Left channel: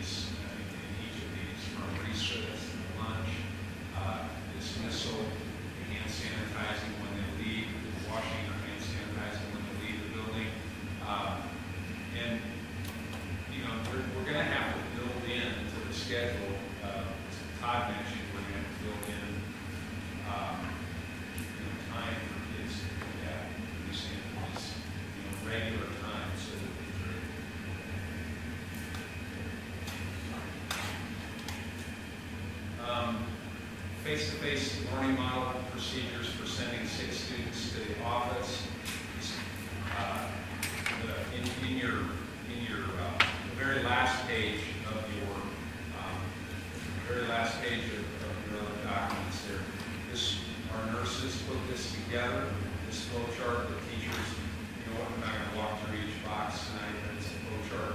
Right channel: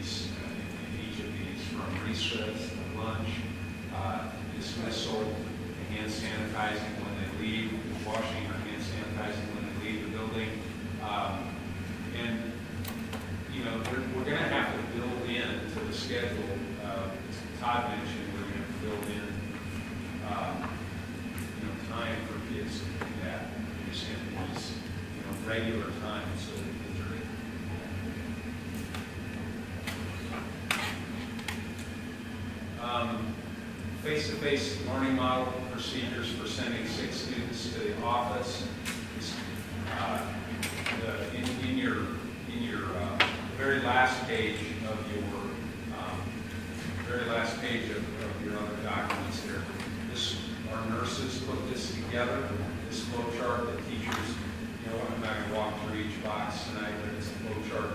in each of these, from recess to lunch, dismissal, to hand sanitizing when they leave, washing or hand sanitizing when they leave the building. And, you know, we're going to have to build in to the schedule. Todd mentioned we're going to have to build in, you know, time for kids to do that. These standpoints, you know, regular time so that kids are able to do that. Face-to-face learning model procedures for sending 6 students to the office. In your the very last page of your other documents there, our nurses put this together. This flow chart that teachers, you know, I'm not going to walk through each box tonight, but it's a flow chart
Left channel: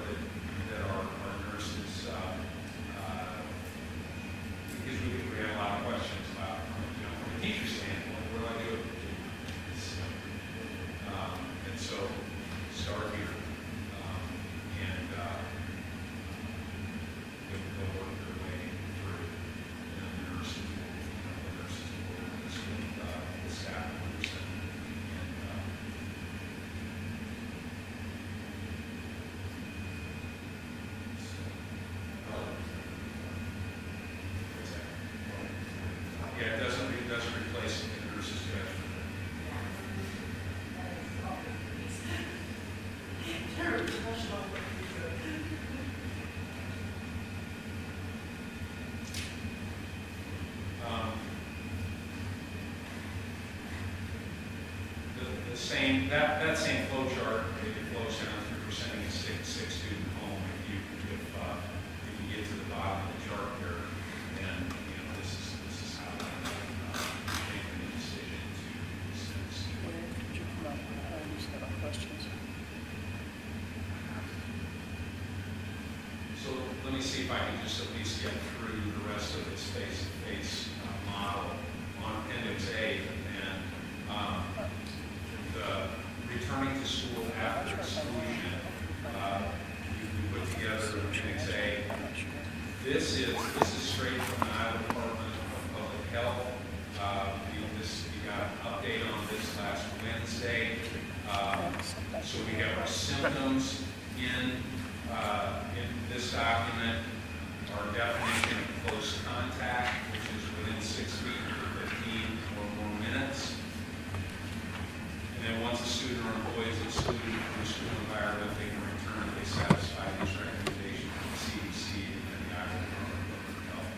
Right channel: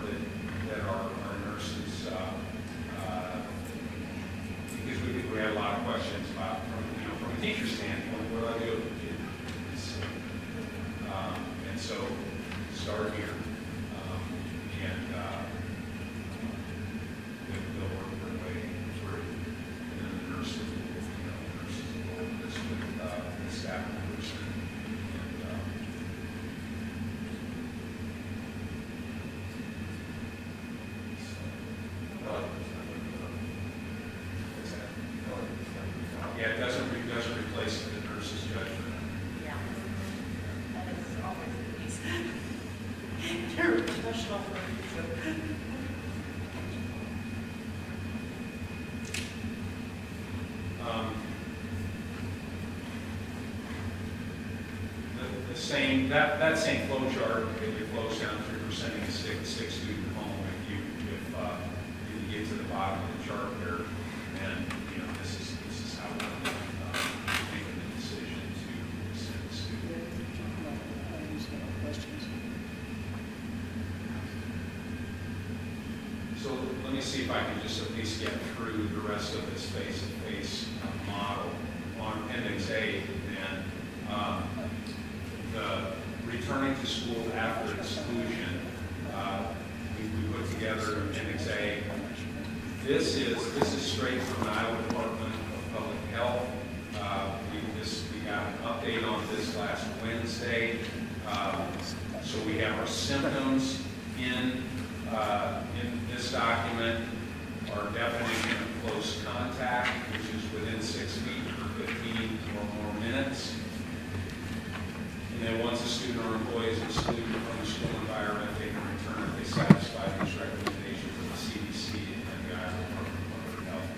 that our nurses because we had a lot of questions about from a teacher standpoint, what do I do with the kid? And so start here, and they'll work their way through, and then the nurses will go over this with the staff members and yeah, it doesn't replace the nurse's judgment. Yeah. That is always the case. You're a professional. That same flow chart, it flows down through sending a sick student home. If you get to the bottom of the chart there, then you know this is how we're making the decision to send the student. So let me see if I can just at least get through the rest of this face-to-face model on Appendix A. And the returning to school after exclusion, we put together Appendix A. This is straight from the Iowa Department of Public Health. We got an update on this last Wednesday. So we have our symptoms in this document, our definition of close contact, which is within 6 feet for 15 or more minutes. And then once a student or employee is excluded from the school environment, they can return if they satisfy these recommendations from the CDC and the Iowa Department of Public Health.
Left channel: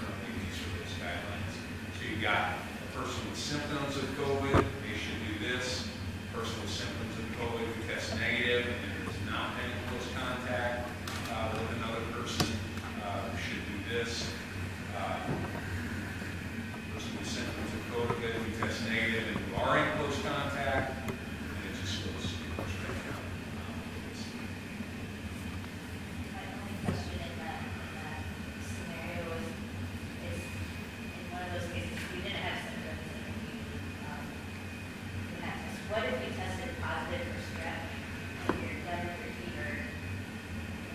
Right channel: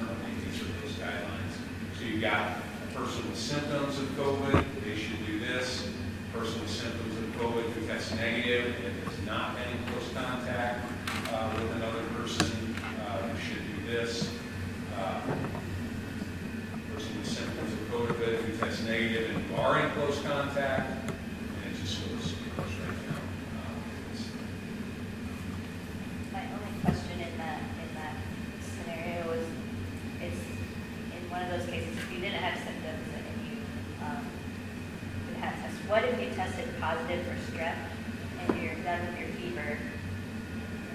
Currently, these are those guidelines. So you've got a person with symptoms of COVID, they should do this. A person with symptoms of COVID who tests negative and has not been in close contact with another person who should do this. Person with symptoms of COVID who tests negative and who are in close contact, and it just goes right now. My only question in that scenario is in one of those cases, if you didn't have symptoms and you had tests, what if you tested positive for strep and you're done with your fever?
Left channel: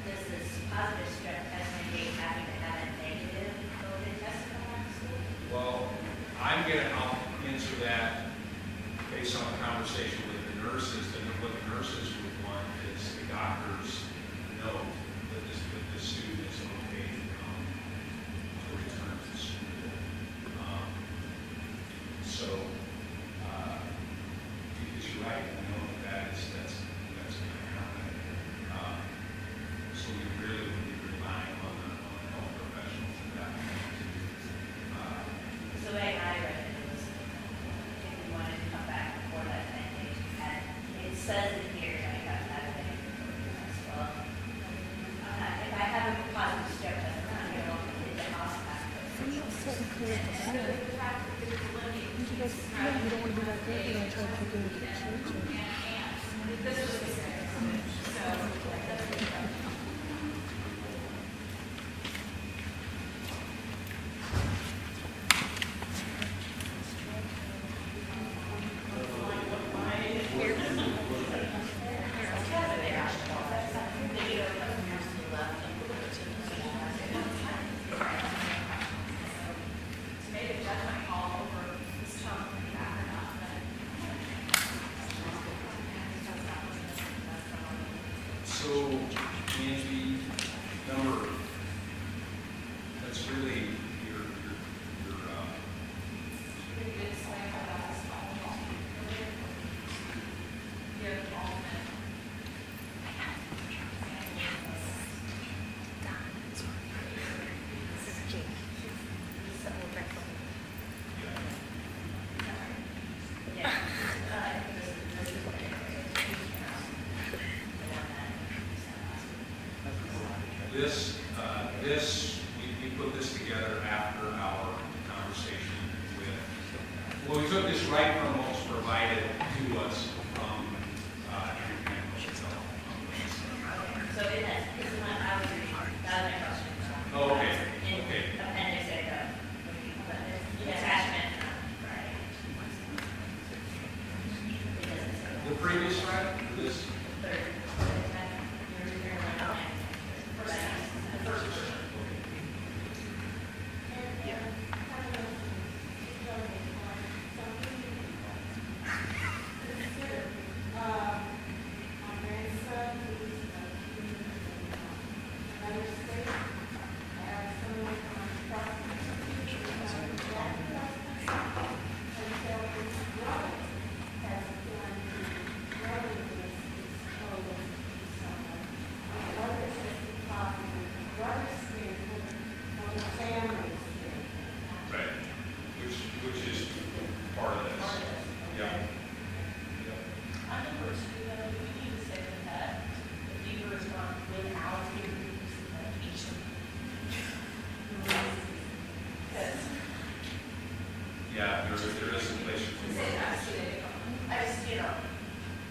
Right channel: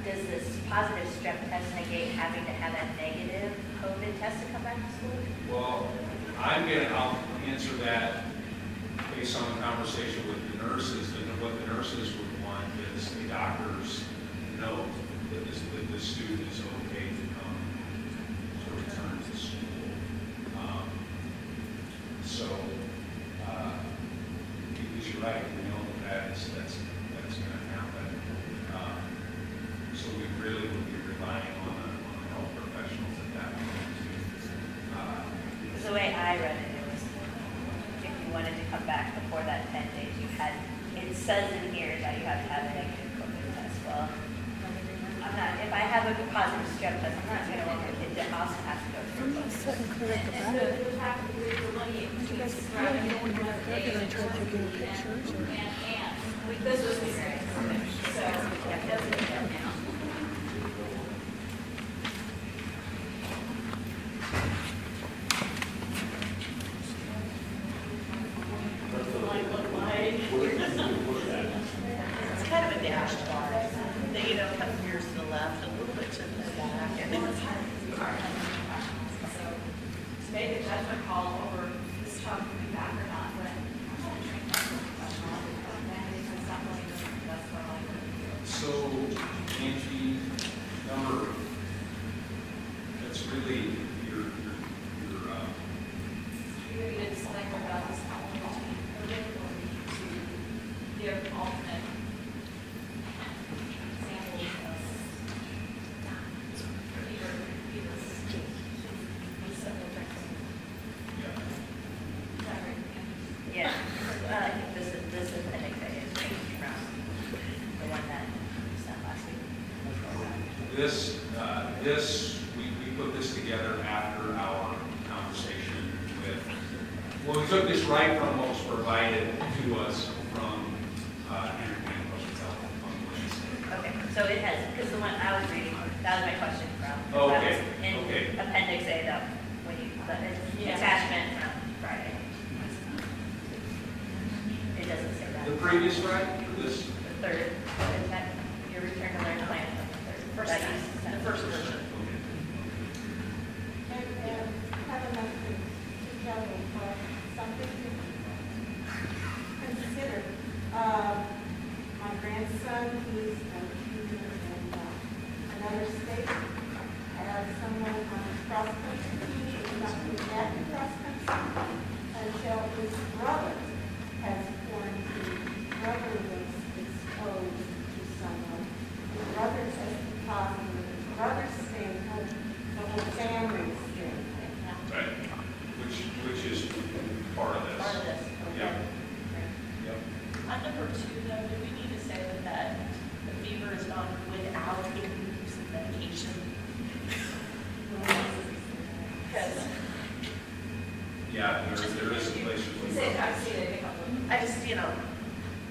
Does this positive strep test negate having to have a negative COVID test to come back to school? Well, I'll answer that based on the conversation with the nurses. What the nurses would want is the doctor's note that the student is okay to come to return to school. Because you're right, we know that's going to happen. So we really would be relying on the health professionals at that point too. Because the way I read it, it was if you wanted to come back before that 10 days, it says in here that you have to have a negative COVID test. Well, if I have a positive strep test, I'm not going to want my kid to also have to go through COVID. And the fact that there's a lineage, you describe it in one of the negative and this was the experience COVID. So that's what it's kind of a dash. They kind of mirrors to the left and a little bit to the So, Angie, number, that's really your You're going to decide about this policy, or we need to give alternate samples of yeah. Is that right? Yeah, this is anyway, it's changed from the one that we sent last week. This, we put this together after our conversation with, well, we took this right from what was provided to us from Intercounty Public Health on Wednesday. Okay, so it has, because the one I was reading, that was my question from. Oh, okay, that was in okay. Appendix A, that, when you, but it's Yeah. attachment from Friday. It doesn't say that. The previous Friday, or this? The third, so is that your return to learn line, the third? The first version. Consider, my grandson, he's a teacher in another state. I have someone on cross-country team, he's not going back to cross-country until his brother has formed the brother was exposed to someone. The brother tested positive, the brother's staying home, the whole family is staying home. Right. Which is part of this. Part of this. Yep. Yep. On number two, though, do we need to say that the fever is gone without the use of medication? Because Yeah, there is a place for say, I've seen it a couple, I just,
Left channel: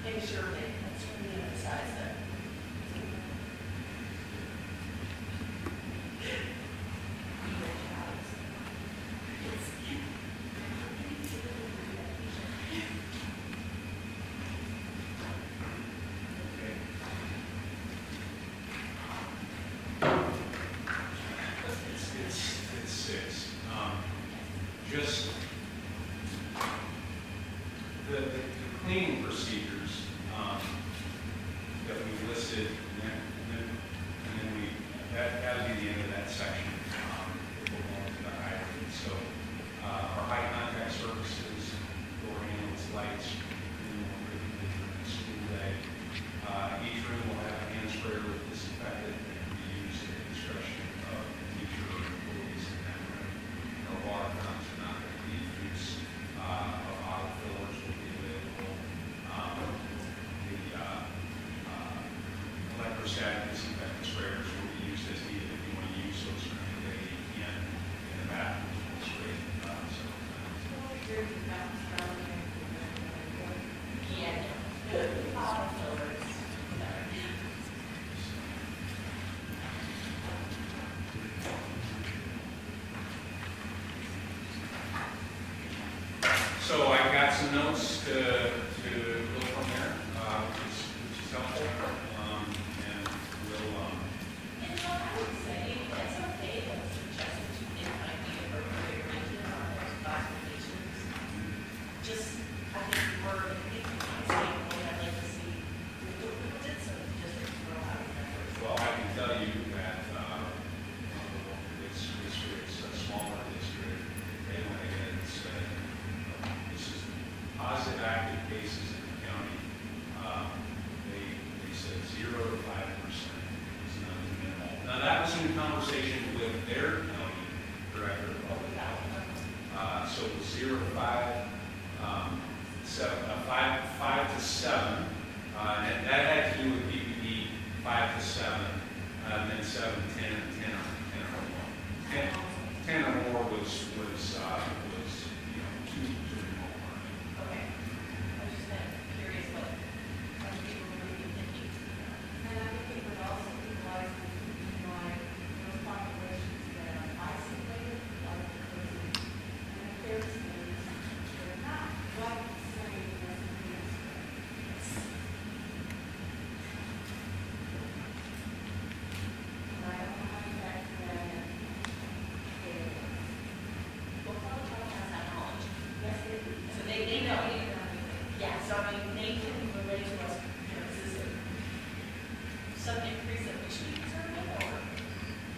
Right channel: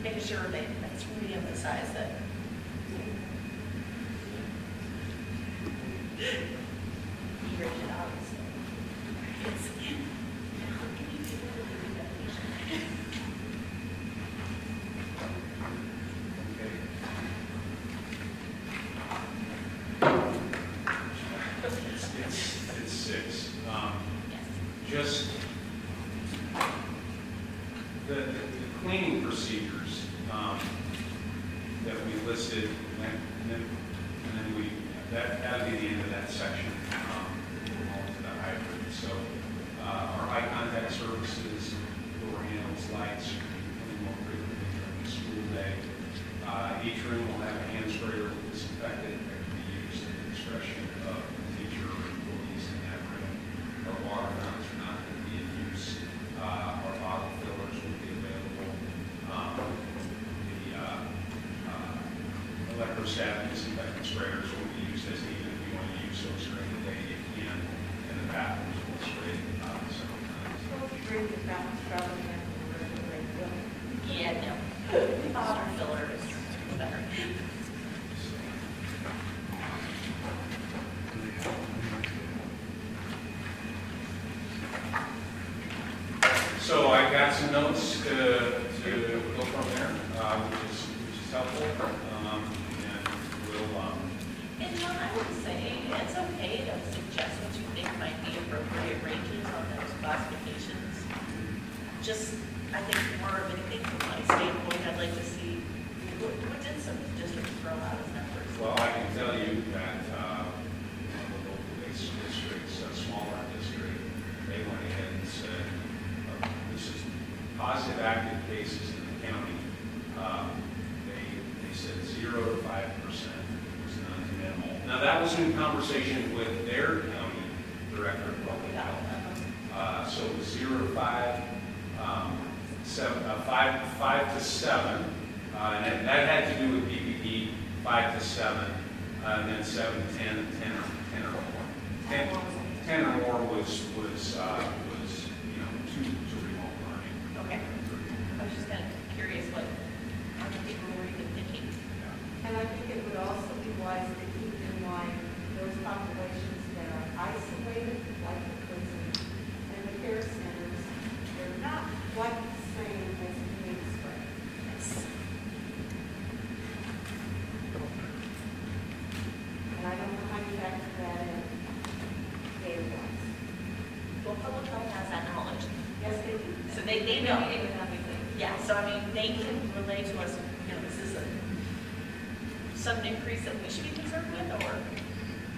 making sure that's really emphasized that. Fever is out. It's Okay. It's six. Just the cleaning procedures that we listed, and then we, that'll be the end of that section. We'll go on to the hybrid. So our high contact services, door handles, lights, more frequently during the school day. Each room will have a hand sprayer with disinfectant that can be used at the discretion of the teacher or employees in that room. Our water fountains are not going to be in use. Our bottle fillers will be available. The electrostatic disinfectant sprayers will be used as needed. If you want to use those for any day, you can. And the bathrooms will spray several times. Bring the traveling in. Yeah, no. Bottle fillers, whatever. So I got some notes to go from there, which is helpful, and we'll, And John, I would say it's okay to suggest what you think might be appropriate ranges on those classifications. Just, I think more of anything from my standpoint, I'd like to see, what did some districts throw out as numbers? well, I can tell you that one of the local police districts, a smaller district, they went ahead and said, this is positive active cases in the county. They said 0 to 5%. It was none to minimal. Now, that was in conversation with their county director of public health. So it was 0 to 5, 5 to 7, and that had to do with PPD, 5 to 7, and then 7 to 10, and 10 or more. 10 or more was 2 to remote learning. Okay. I was just kind of curious what other people were even thinking. And I think it would also be wise to keep in mind those populations that are isolated, like the prison and the care centers, they're not quite the same as the big spread. And I don't know how you factor that in data-wise. Well, public health sudden increase that we should be concerned with, or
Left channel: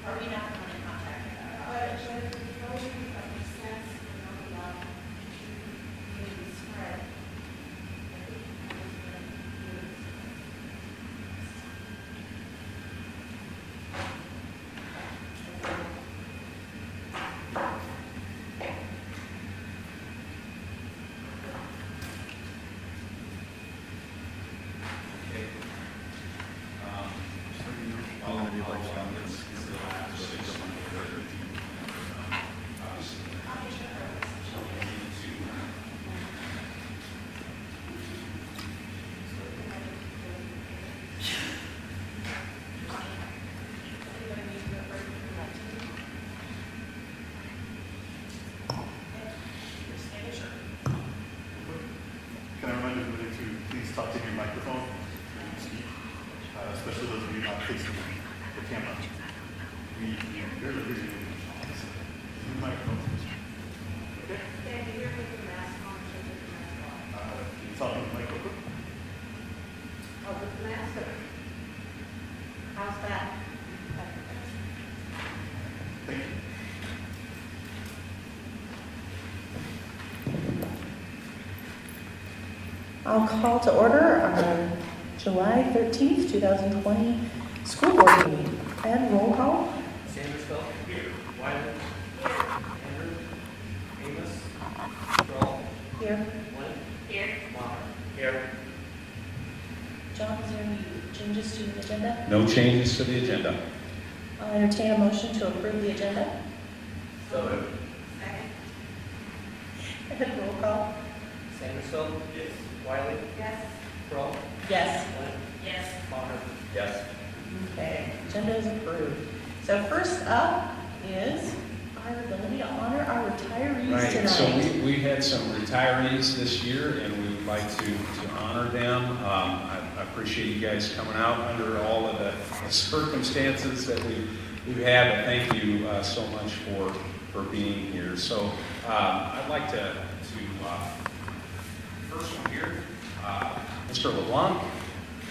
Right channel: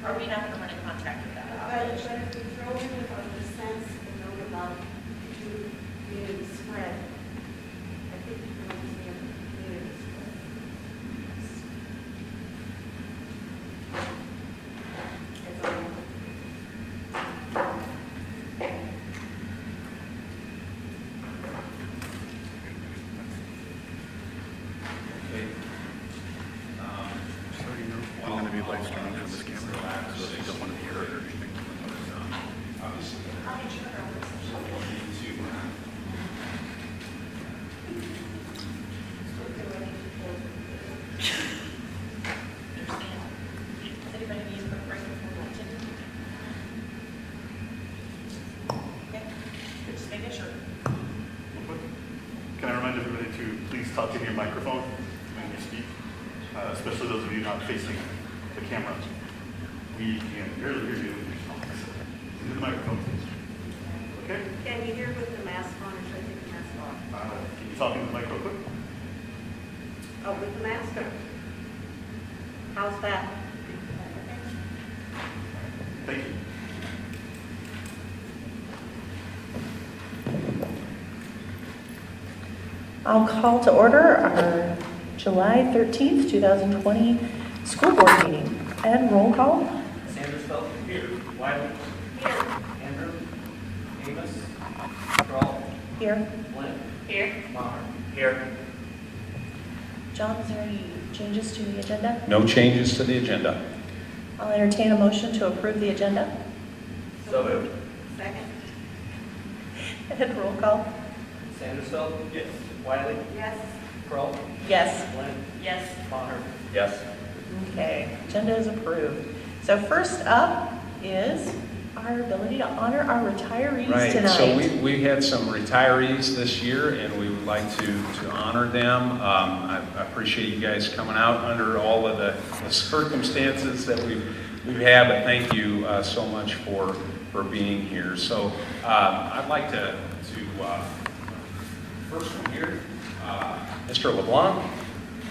are we not going to run a contract with that? But if the children with our percents don't allow to be spread, I think you have to spread. Okay. It's a little after 6 when we're ready. Obviously, I'll make sure our work session. we'll need to, Does anybody need a quick break before lunch? Okay, just making sure. Can I remind everybody to please talk in your microphone when you speak, especially those of you not facing the camera. We can't hear the video. Your microphone, please. Okay? Can you hear with the mask on or should I take the mask off? Can you talk in the microphone? Oh, with the mask on. How's that? Thank you. I'll call to order our July 13th, 2020 school board meeting. Ed, roll call. Sandersfeld. Here. Wiley. Here. Andrew. Amos. Kroll. Here. William. Here. Maher. Here. John, is there any changes to the agenda? no changes to the agenda. I'll entertain a motion to approve the agenda. So moved. Second? Ed, roll call. Sandersfeld. Yes. Wiley. Yes. Kroll. Yes. William. Yes. Maher. Yes. Okay, agenda is approved. So first up is our ability to honor our retirees Right, tonight. so we had some retirees this year, and we would like to honor them. I appreciate you guys coming out under all of the circumstances that you have, and thank you so much for being here. So I'd like to first one here, Mr. LeBlanc.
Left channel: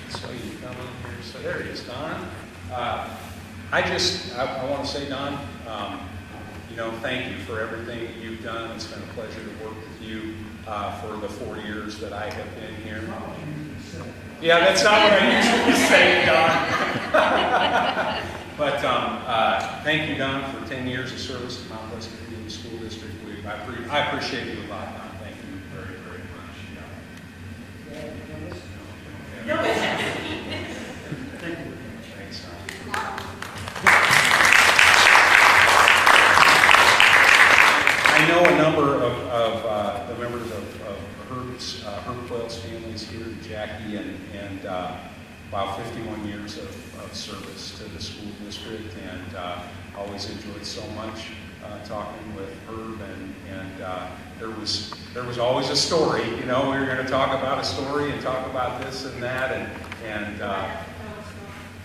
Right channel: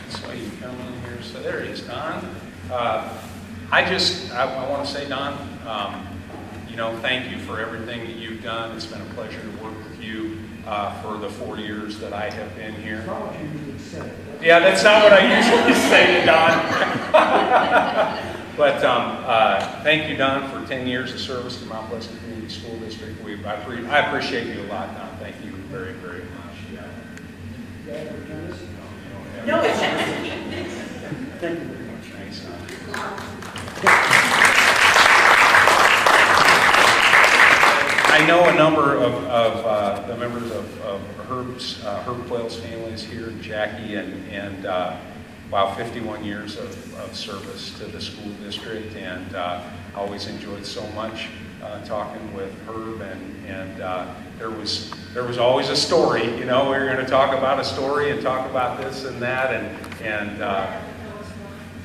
So you come in here, so there he is, Don. I want to say, Don, thank you for everything that you've done. It's been a pleasure to work with you for the 4 years that I have been here. Yeah, that's not what I usually say, Don. But thank you, Don, for 10 years of service to Mount Pleasant Community School District. I appreciate you a lot, Don. Thank you very, very much. Yeah. No, it's Thank you very much. Thanks. I know a number of the members of Herb Quayle's family is here, Jackie, and 51 years of service to the school district, and always enjoyed so much talking with Herb, and there was always a story, we were going to talk about a story and talk about this and that, and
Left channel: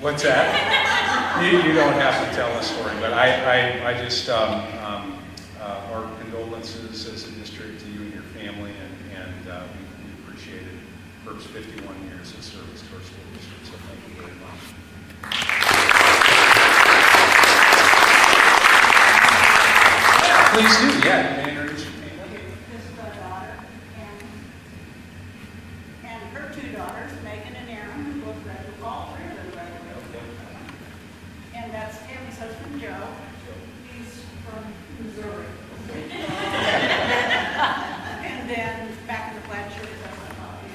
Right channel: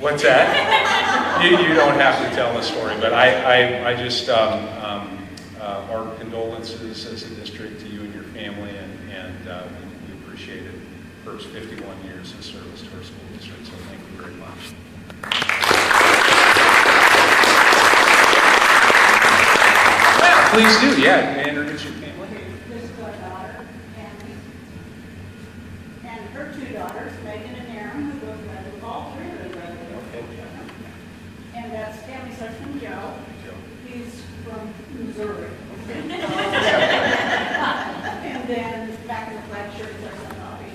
what's that? You don't have to tell the story, but I just our condolences as a district to you and your family, and we appreciated the first 51 years of service to our school district. So thank you very much. Please do, yeah. Introduce your family. This is our daughter, Kathy. And her two daughters, Megan and Aaron, who both graduated, all three of them graduated. And that's Tammy's husband, Joe. He's from Missouri. And then back in the flat shirt, that's our Bobby.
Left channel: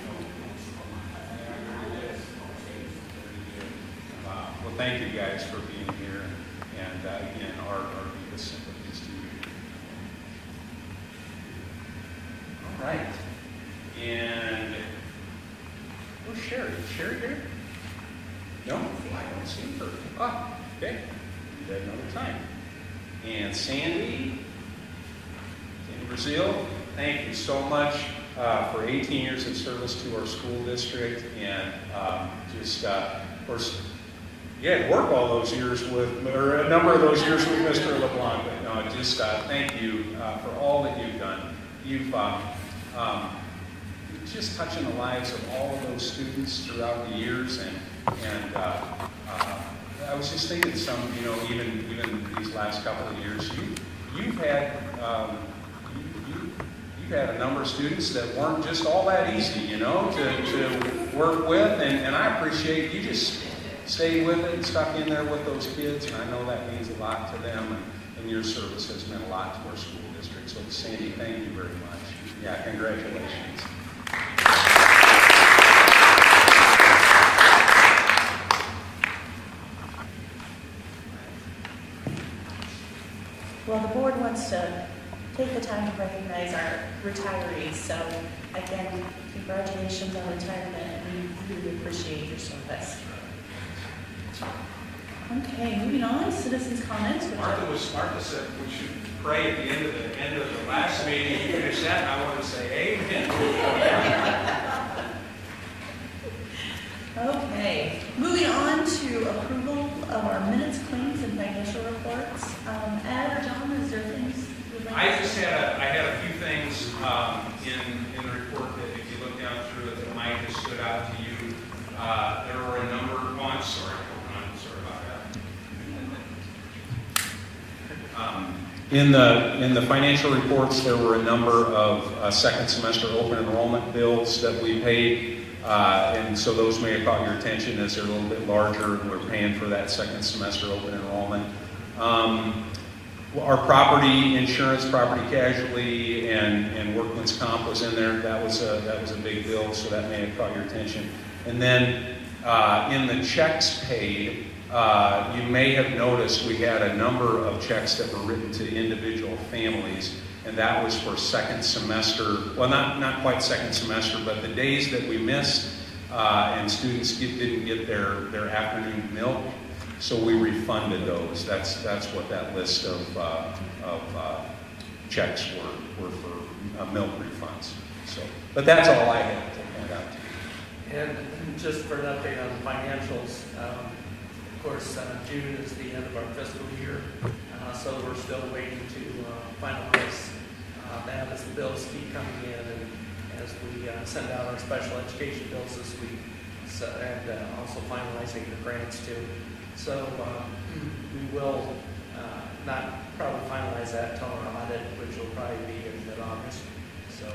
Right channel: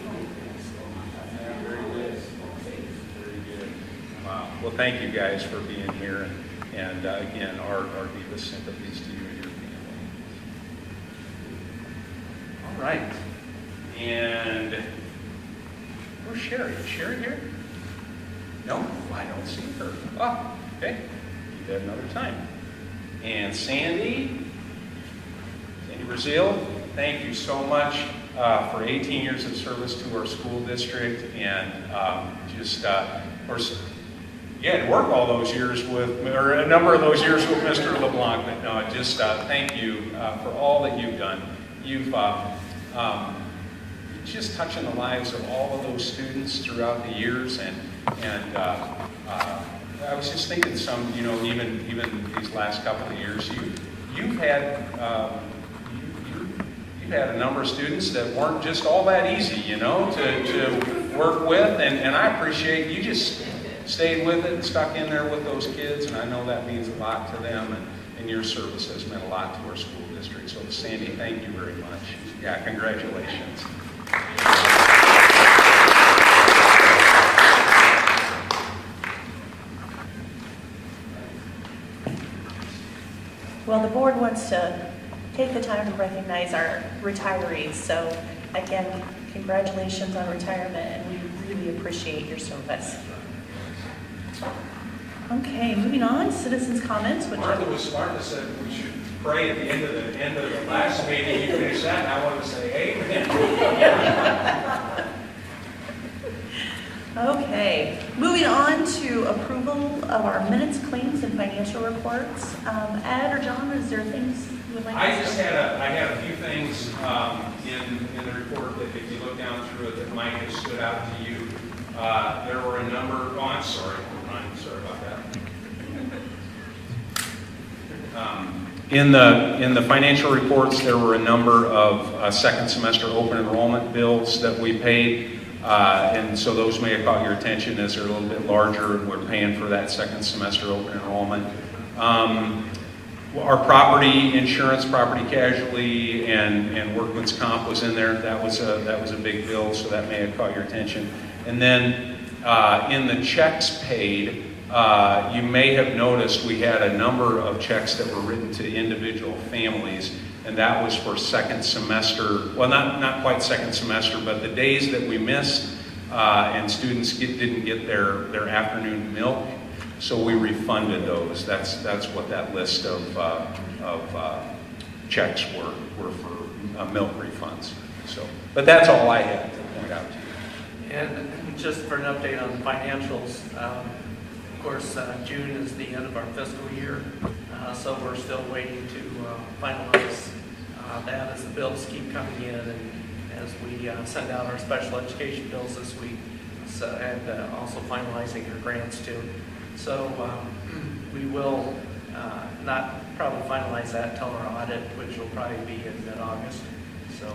Very good. Wow. Well, thank you guys for being here, and again, our deepest sympathies to you and your family. All right. And where's Sherry? Is Sherry here? No, I don't see her. Oh, okay. Do that another time. And Sandy Brazil, thank you so much for 18 years of service to our school district, and of course, you had to work all those years or a number of those years with Mr. LeBlanc, but no, just thank you for all that you've done. You've just touching the lives of all of those students throughout the years, and think it's some, even these last couple of years, you've had you had a number of students that weren't just all that easy, to work with, and I appreciate you just stayed with it and stuck in there with those kids, and I know that means a lot to them, and your service has meant a lot to our school district. So Sandy, thank you very much. Yeah, congratulations. Well, the board wants to take the time to recognize our retirees. So again, congratulations on retirement, and we really appreciate your service. Okay, moving on, citizens' comments. Martha was smart to say we should pray at the end of the last meeting. You finished that, and I wanted to say amen. Okay, moving on to approval of our minutes, claims, and financial reports. Ed or John, is there things you would like I to just say? had a few things in the report that if you look down through it that might have stood out to you. There were a number. Oh, I'm sorry about that. In the financial reports, there were a number of second semester open enrollment bills that we paid. And so those may have caught your attention as they're a little bit larger. We're paying for that second semester open enrollment. Our property insurance, property casualty, and workman's comp was in there. That was a big bill, so that may have caught your attention. And then in the checks paid, you may have noticed we had a number of checks that were written to individual families. And that was for second semester, well, not quite second semester, but the days that we missed and students didn't get their afternoon milk, so we refunded those. That's what that list of checks were for milk refunds. So, but that's all I had to point out to you. And just for an update on the financials, of course, June is the end of our fiscal year, so we're still waiting to finalize that as the bills keep coming in, and as we send out our special education bills this week, and also finalizing the grants too. So we will not probably finalize that until our audit, which will probably be in mid-August. So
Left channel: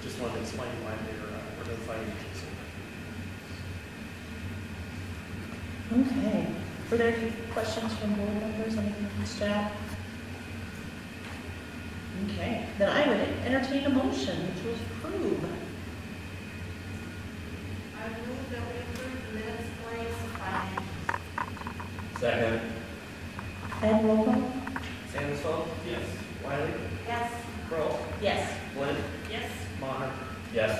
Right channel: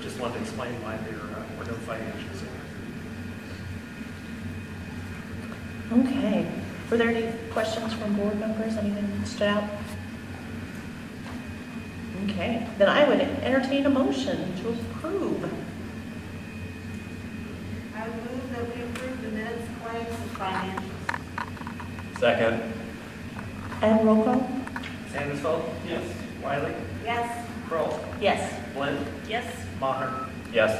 just wanted to explain why we're no financials here. Okay. Were there any questions from board members? Anything from staff? Okay. Then I would entertain a motion to approve. I move that we approve the minutes, claims, and financials. Second. And roll call? Sandusville? Yes. Wiley? Yes. Kroll? Yes. Flynn? Yes. Maher? Yes.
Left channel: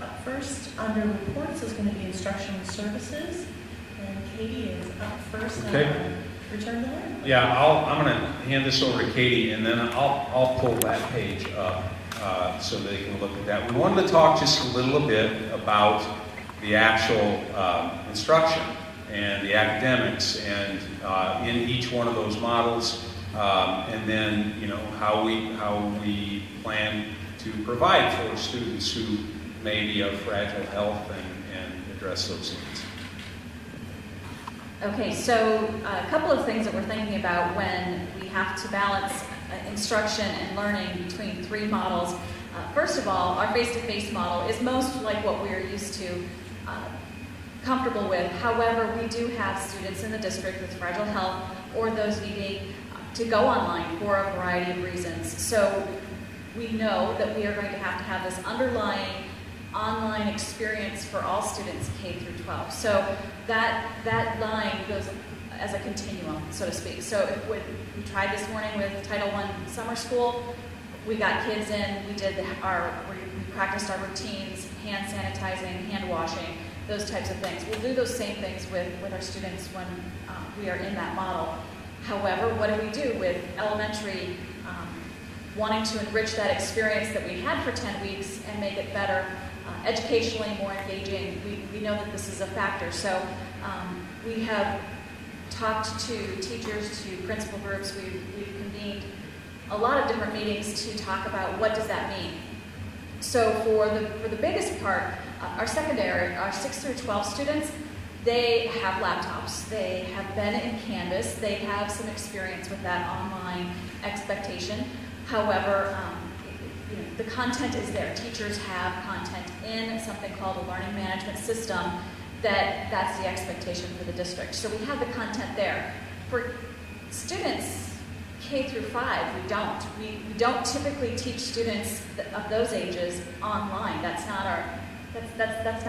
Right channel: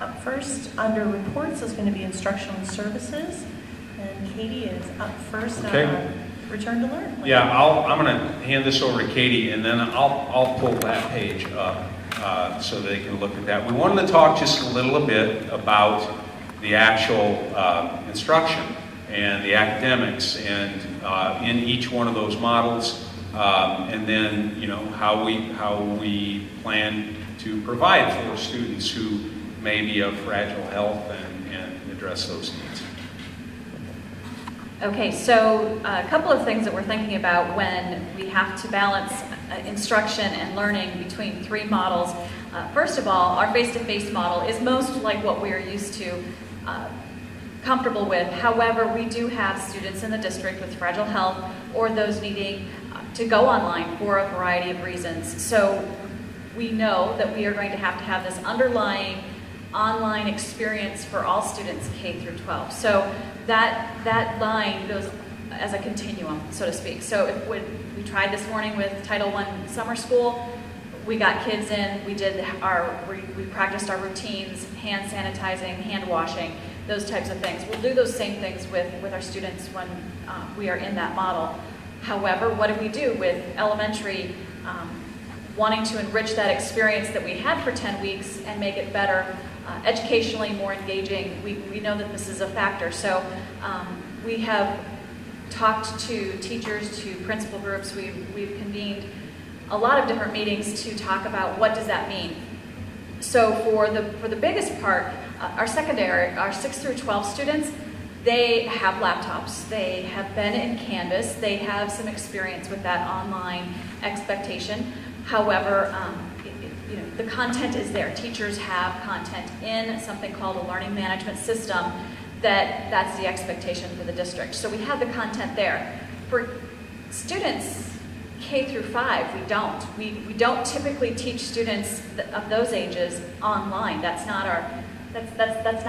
Up first, under reports, is going to be Instructional Services. And Katie is up first Okay. on Return to Learn. Yeah, I'm going to hand this over to Katie, and then I'll pull that page up so they can look at that. We wanted to talk just a little bit about the actual instruction and the academics, and in each one of those models, and then how we plan to provide for students who may be of fragile health and address those needs. Okay, so a couple of things that we're thinking about when we have to balance instruction and learning between three models. First of all, our face-to-face model is most like what we're used to, comfortable with. However, we do have students in the district with fragile health or those needing to go online for a variety of reasons. So we know that we are going to have this underlying online experience for all students K through 12. So that line goes as a continuum, so to speak. So when we tried this morning with Title I summer school, we got kids in, we practiced our routines, hand sanitizing, hand washing, those types of things. We'll do those same things with our students when we are in that model. However, what do we do with elementary wanting to enrich that experience that we had for 10 weeks and make it better, educationally more engaging? We know that this is a factor. So we have talked to teachers, to principal groups. We've convened a lot of different meetings to talk about what does that mean. So for the biggest part, our secondary, our 6 through 12 students, They have laptops, they have been in Canvas, they have some experience with that online expectation. However, the content is there. Teachers have content in something called a learning management system that's the expectation for the district. So we have the content there. For students K through 5, we don't. We don't typically teach students of those ages online. That's not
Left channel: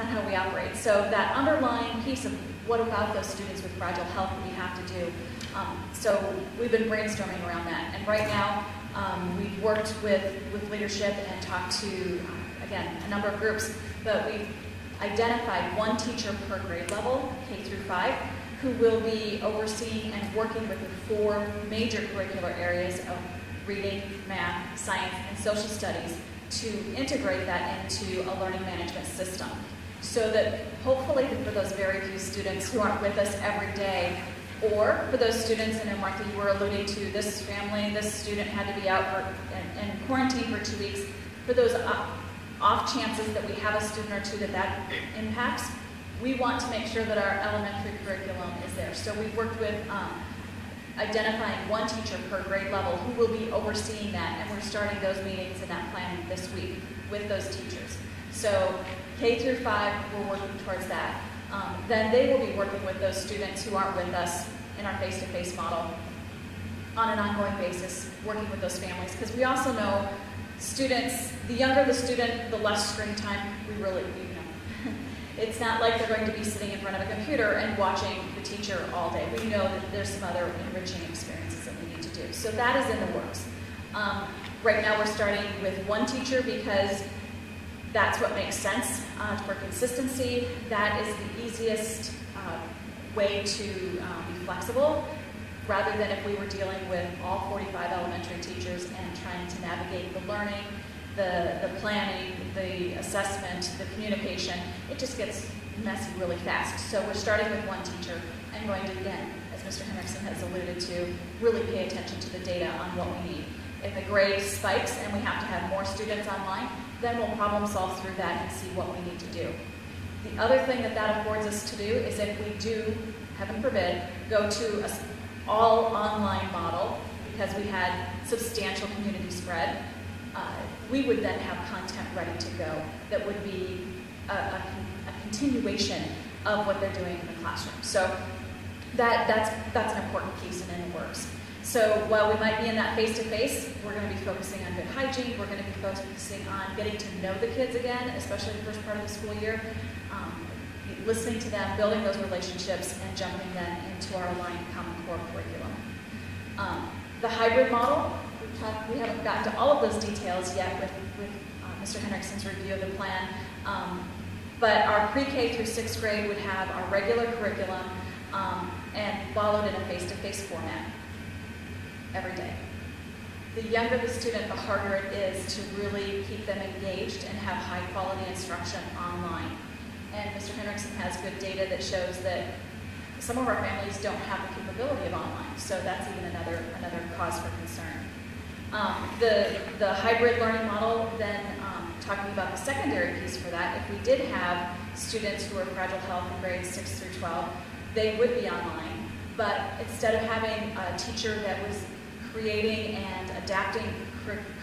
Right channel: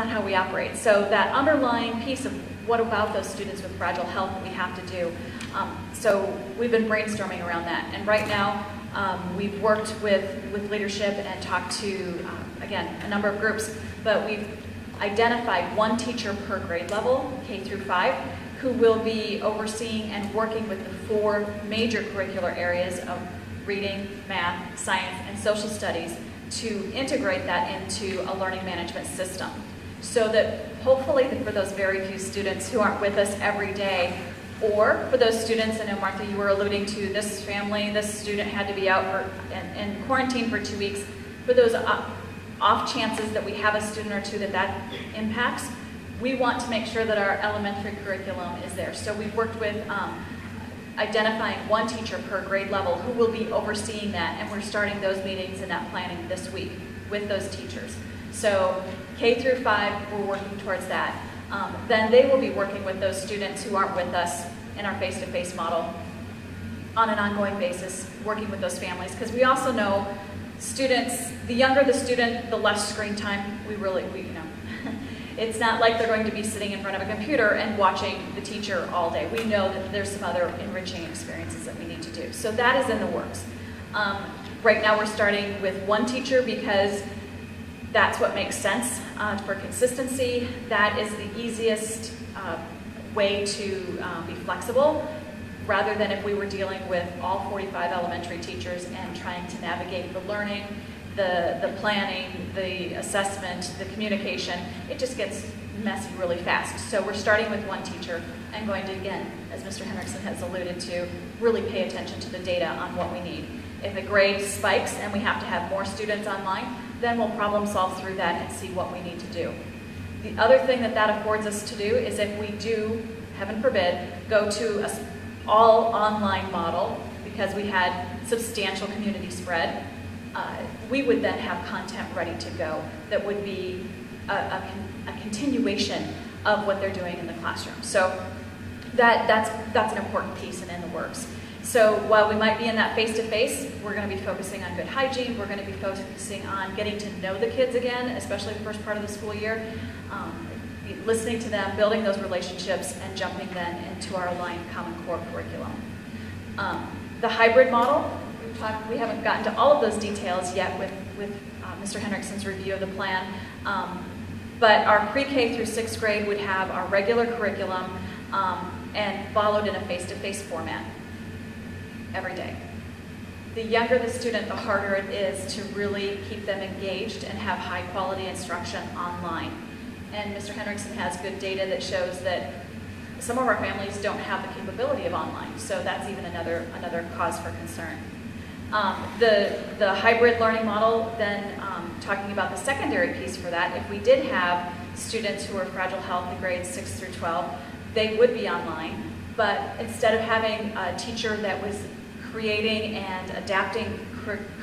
how we operate. So that underlying piece of what about those students with fragile health we have to do. So we've been brainstorming around that. And right now, we've worked with leadership and talked to, again, a number of groups, but we've identified one teacher per grade level, K through 5, who will be overseeing and working with the 4 major curricular areas of reading, math, science, and social studies to integrate that into a learning management system. So that hopefully for those very few students who aren't with us every day, or for those students, and Martha, you were alluding to this family, this student had to be out in quarantine for 2 weeks, for those off chances that we have a student or two that impacts, we want to make sure that our elementary curriculum is there. So we've worked with identifying one teacher per grade level who will be overseeing that, and we're starting those meetings and that planning this week with those teachers. So K through 5, we're working towards that. Then they will be working with those students who aren't with us in our face-to-face model on an ongoing basis, working with those families, because we also know students, the younger the student, the less screen time we know. It's not like they're going to be sitting in front of a computer and watching the teacher all day. We know that there's some other enriching experiences that we need to do. So that is in the works. Right now we're starting with one teacher because that's what makes sense for consistency. That is the easiest way to be flexible, rather than if we were dealing with all 45 elementary teachers and trying to navigate the learning, the planning, the assessment, the communication. It just gets messy really fast. So we're starting with one teacher and going to, again, as Mr. Henriksen has alluded to, really pay attention to the data on what we need. If the grade spikes and we have to have more students online, then we'll problem solve through that and see what we need to do. The other thing that affords us to do is if we do, heaven forbid, go to an all online model because we had substantial community spread, we would then have content ready to go that would be a continuation of what they're doing in the classroom. So that's an important piece and in the works. So while we might be in that face-to-face, we're going to be focusing on good hygiene. We're going to be focusing on getting to know the kids again, especially the first part of the school year, listening to them, building those relationships, and jumping then into our aligned Common Core curriculum. The hybrid model, we haven't gotten to all of those details yet with Mr. Henriksen's review of the plan, but our pre-K through 6th grade would have our regular curriculum and followed in a face-to-face format every day. The younger the student, the harder it is to really keep them engaged and have high-quality instruction online. And Mr. Henriksen has good data that shows that some of our families don't have the capability of online, so that's even another cause for concern. The hybrid learning model, then talking about the secondary piece for that, if we did have students who are fragile health in grades 6 through 12, they would be online, but instead of having a teacher that was creating and adapting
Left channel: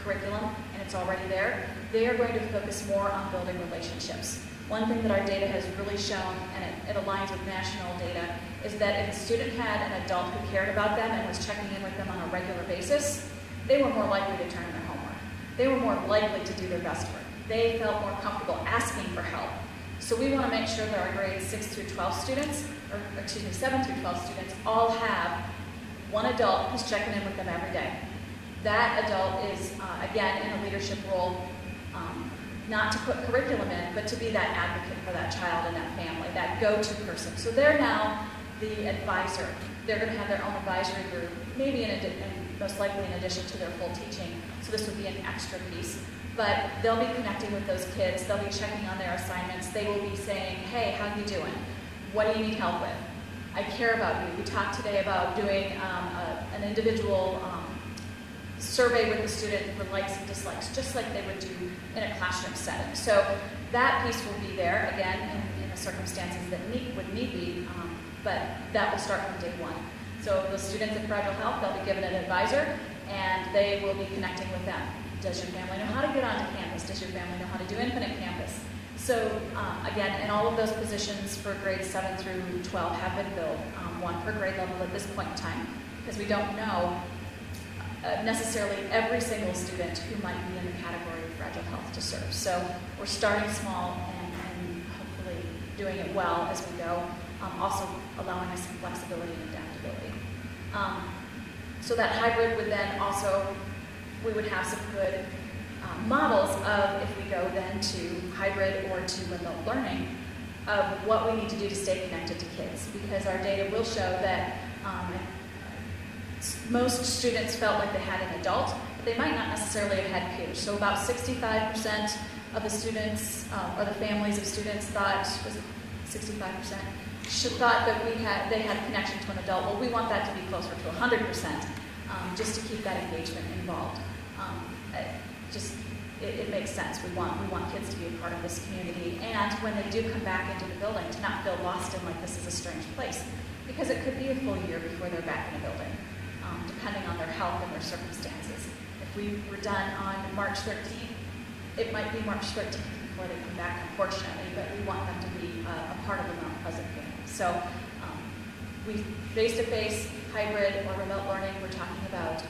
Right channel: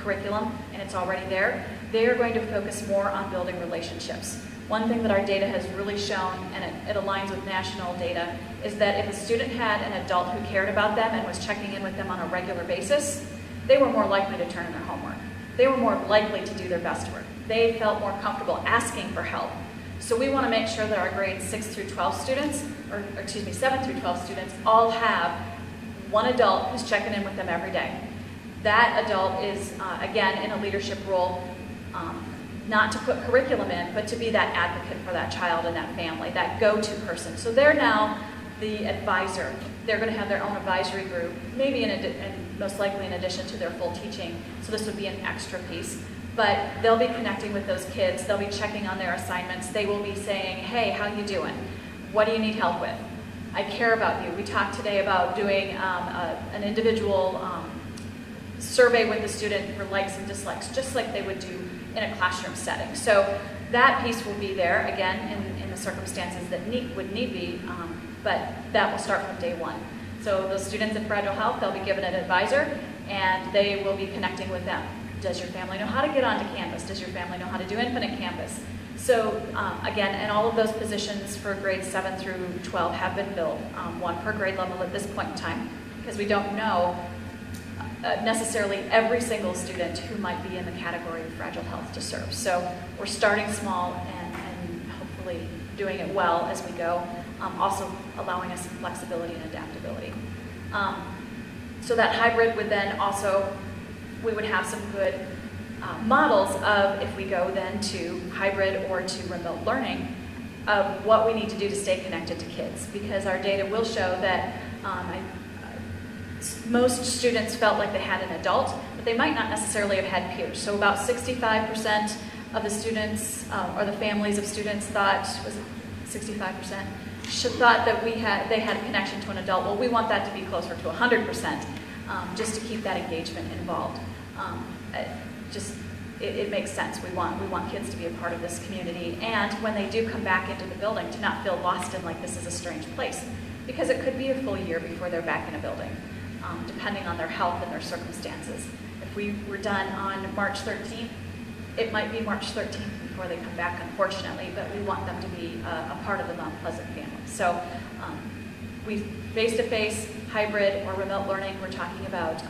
curriculum, and it's already there, they are going to focus more on building relationships. One thing that our data has really shown, and it aligns with national data, is that if a student had an adult who cared about them and was checking in with them on a regular basis, they were more likely to turn in their homework. They were more likely to do their best work. They felt more comfortable asking for help. So we want to make sure that our grades 6 through 12 students, or 7 through 12 students, all have one adult who's checking in with them every day. That adult is, again, in a leadership role, not to put curriculum in, but to be that advocate for that child and that family, that go-to person. So they're now the advisor. They're going to have their own advisory group, maybe most likely in addition to their full teaching. So this would be an extra piece. But they'll be connecting with those kids. They'll be checking on their assignments. They will be saying, hey, how you doing? What do you need help with? I care about you. We talked today about doing an individual survey with the student for likes and dislikes, just like they would do in a classroom setting. So that piece will be there, again, in the circumstances that would need be, but that will start from day one. So those students in Fragile Health, they'll be given an advisor, and they will be connecting with them. Does your family know how to get onto campus? Does your family know how to do Infinite Campus? So again, and all of those positions for grades 7 through 12 have been filled, one per grade level at this point in time, because we don't know necessarily every single student who might be in the category of Fragile Health to serve. So we're starting small and hopefully doing it well as we go, also allowing us some flexibility and adaptability. So that hybrid would then also, we would have some good models of, if we go then to hybrid or to remote learning, of what we need to do to stay connected to kids, because our data will show that most students felt like they had an adult, but they might not necessarily have had peers. So about 65% of the students, or the families of students thought, was it 65%? Thought that they had a connection to an adult. Well, we want that to be closer to 100%, just to keep that engagement involved. It makes sense. We want kids to be a part of this community, and when they do come back into the building, to not feel lost in like this is a strange place, because it could be a full year before they're back in a building, depending on their health and their circumstances. If we were done on March 13th, it might be March 13th before they come back, unfortunately, but we want them to be a part of the Mount Pleasant family. So we face-to-face, hybrid, or remote learning, we're talking about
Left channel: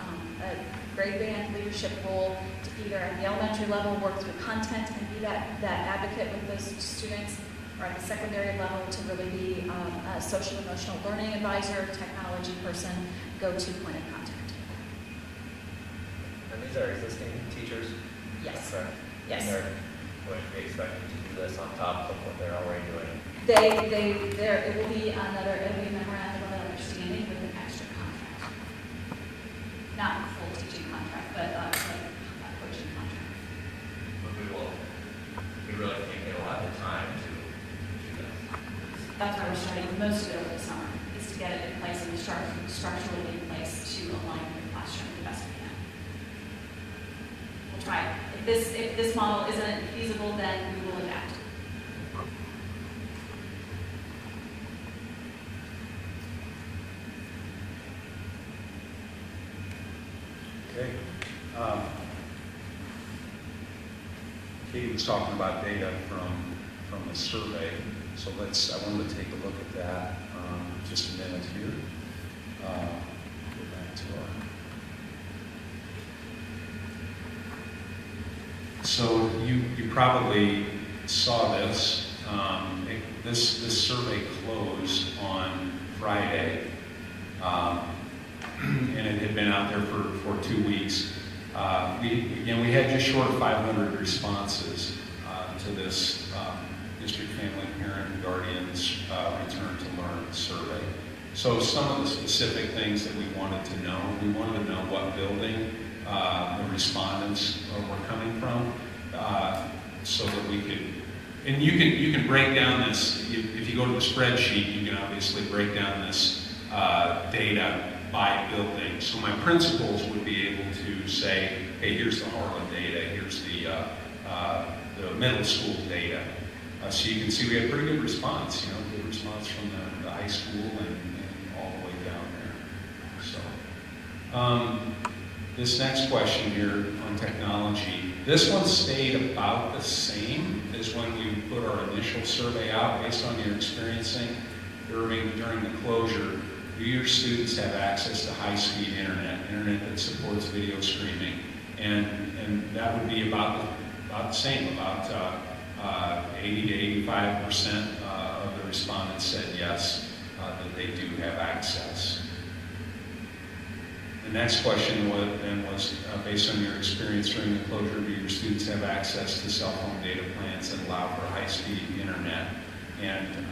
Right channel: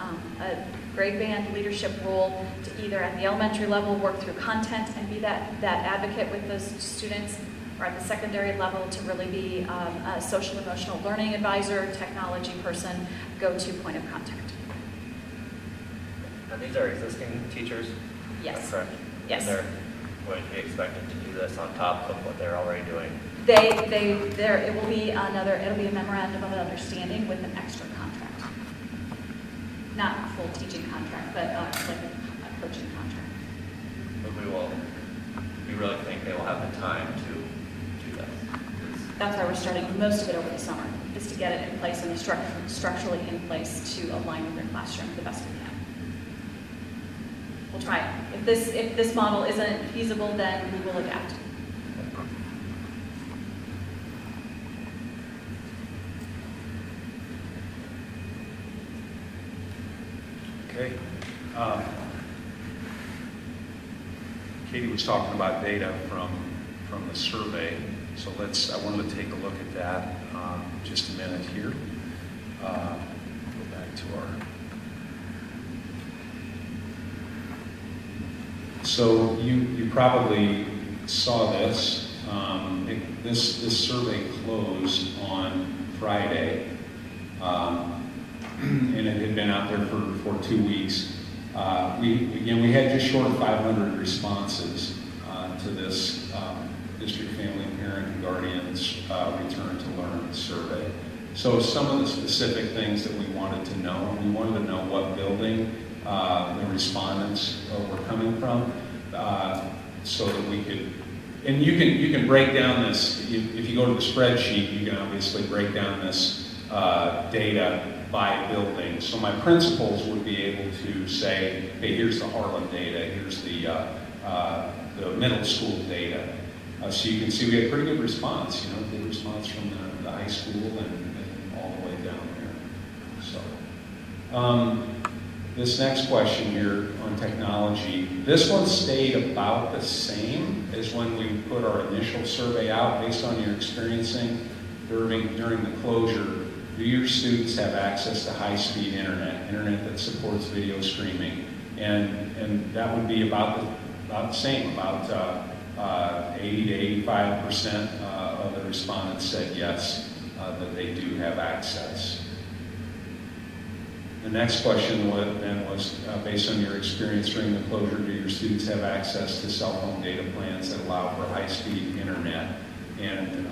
a grade band leadership role to either at the elementary level work through content and be that advocate with those students, or at the secondary level to really be a social emotional learning advisor, technology person, go-to point of contact. And these are existing teachers? Yes. Correct? Yes. And they're going to be expected to do this on top of what they're already doing? It'll be a memorandum of understanding with an extra contract. Not a full teaching contract, but like a coaching contract. But we really think they will have the time to do that. That's why we're starting most of it over the summer, is to get it in place and structurally in place to align with their classroom the best we can. We'll try it. If this model isn't feasible, then we will adapt. Okay. Katie was talking about data from the survey, so I wanted to take a look at that just a minute here. Go back to so you probably saw this. This survey closed on Friday, and it had been out there for 2 weeks. We had just short of 500 responses to this District Family, Parent, and Guardians Return to Learn survey. So some of the specific things that we wanted to know what building the respondents were coming from, so that we could, and you can break down this, if you go to the spreadsheet, you can obviously break down this data by building. So my principals would be able to say, hey, here's the Harlan data, here's the middle school data. So you can see we had pretty good response, good response from the high school and all the way down there. So this next question here on technology, this one stayed about the same as when we put our initial survey out based on your experiencing during the closure. Do your students have access to high-speed internet that supports video streaming? And that would be about the same, about 80 to 85% of the respondents said yes, that they do have access. The next question was based on your experience during the closure, do your students have access to cell phone data plans that allow for high-speed internet? And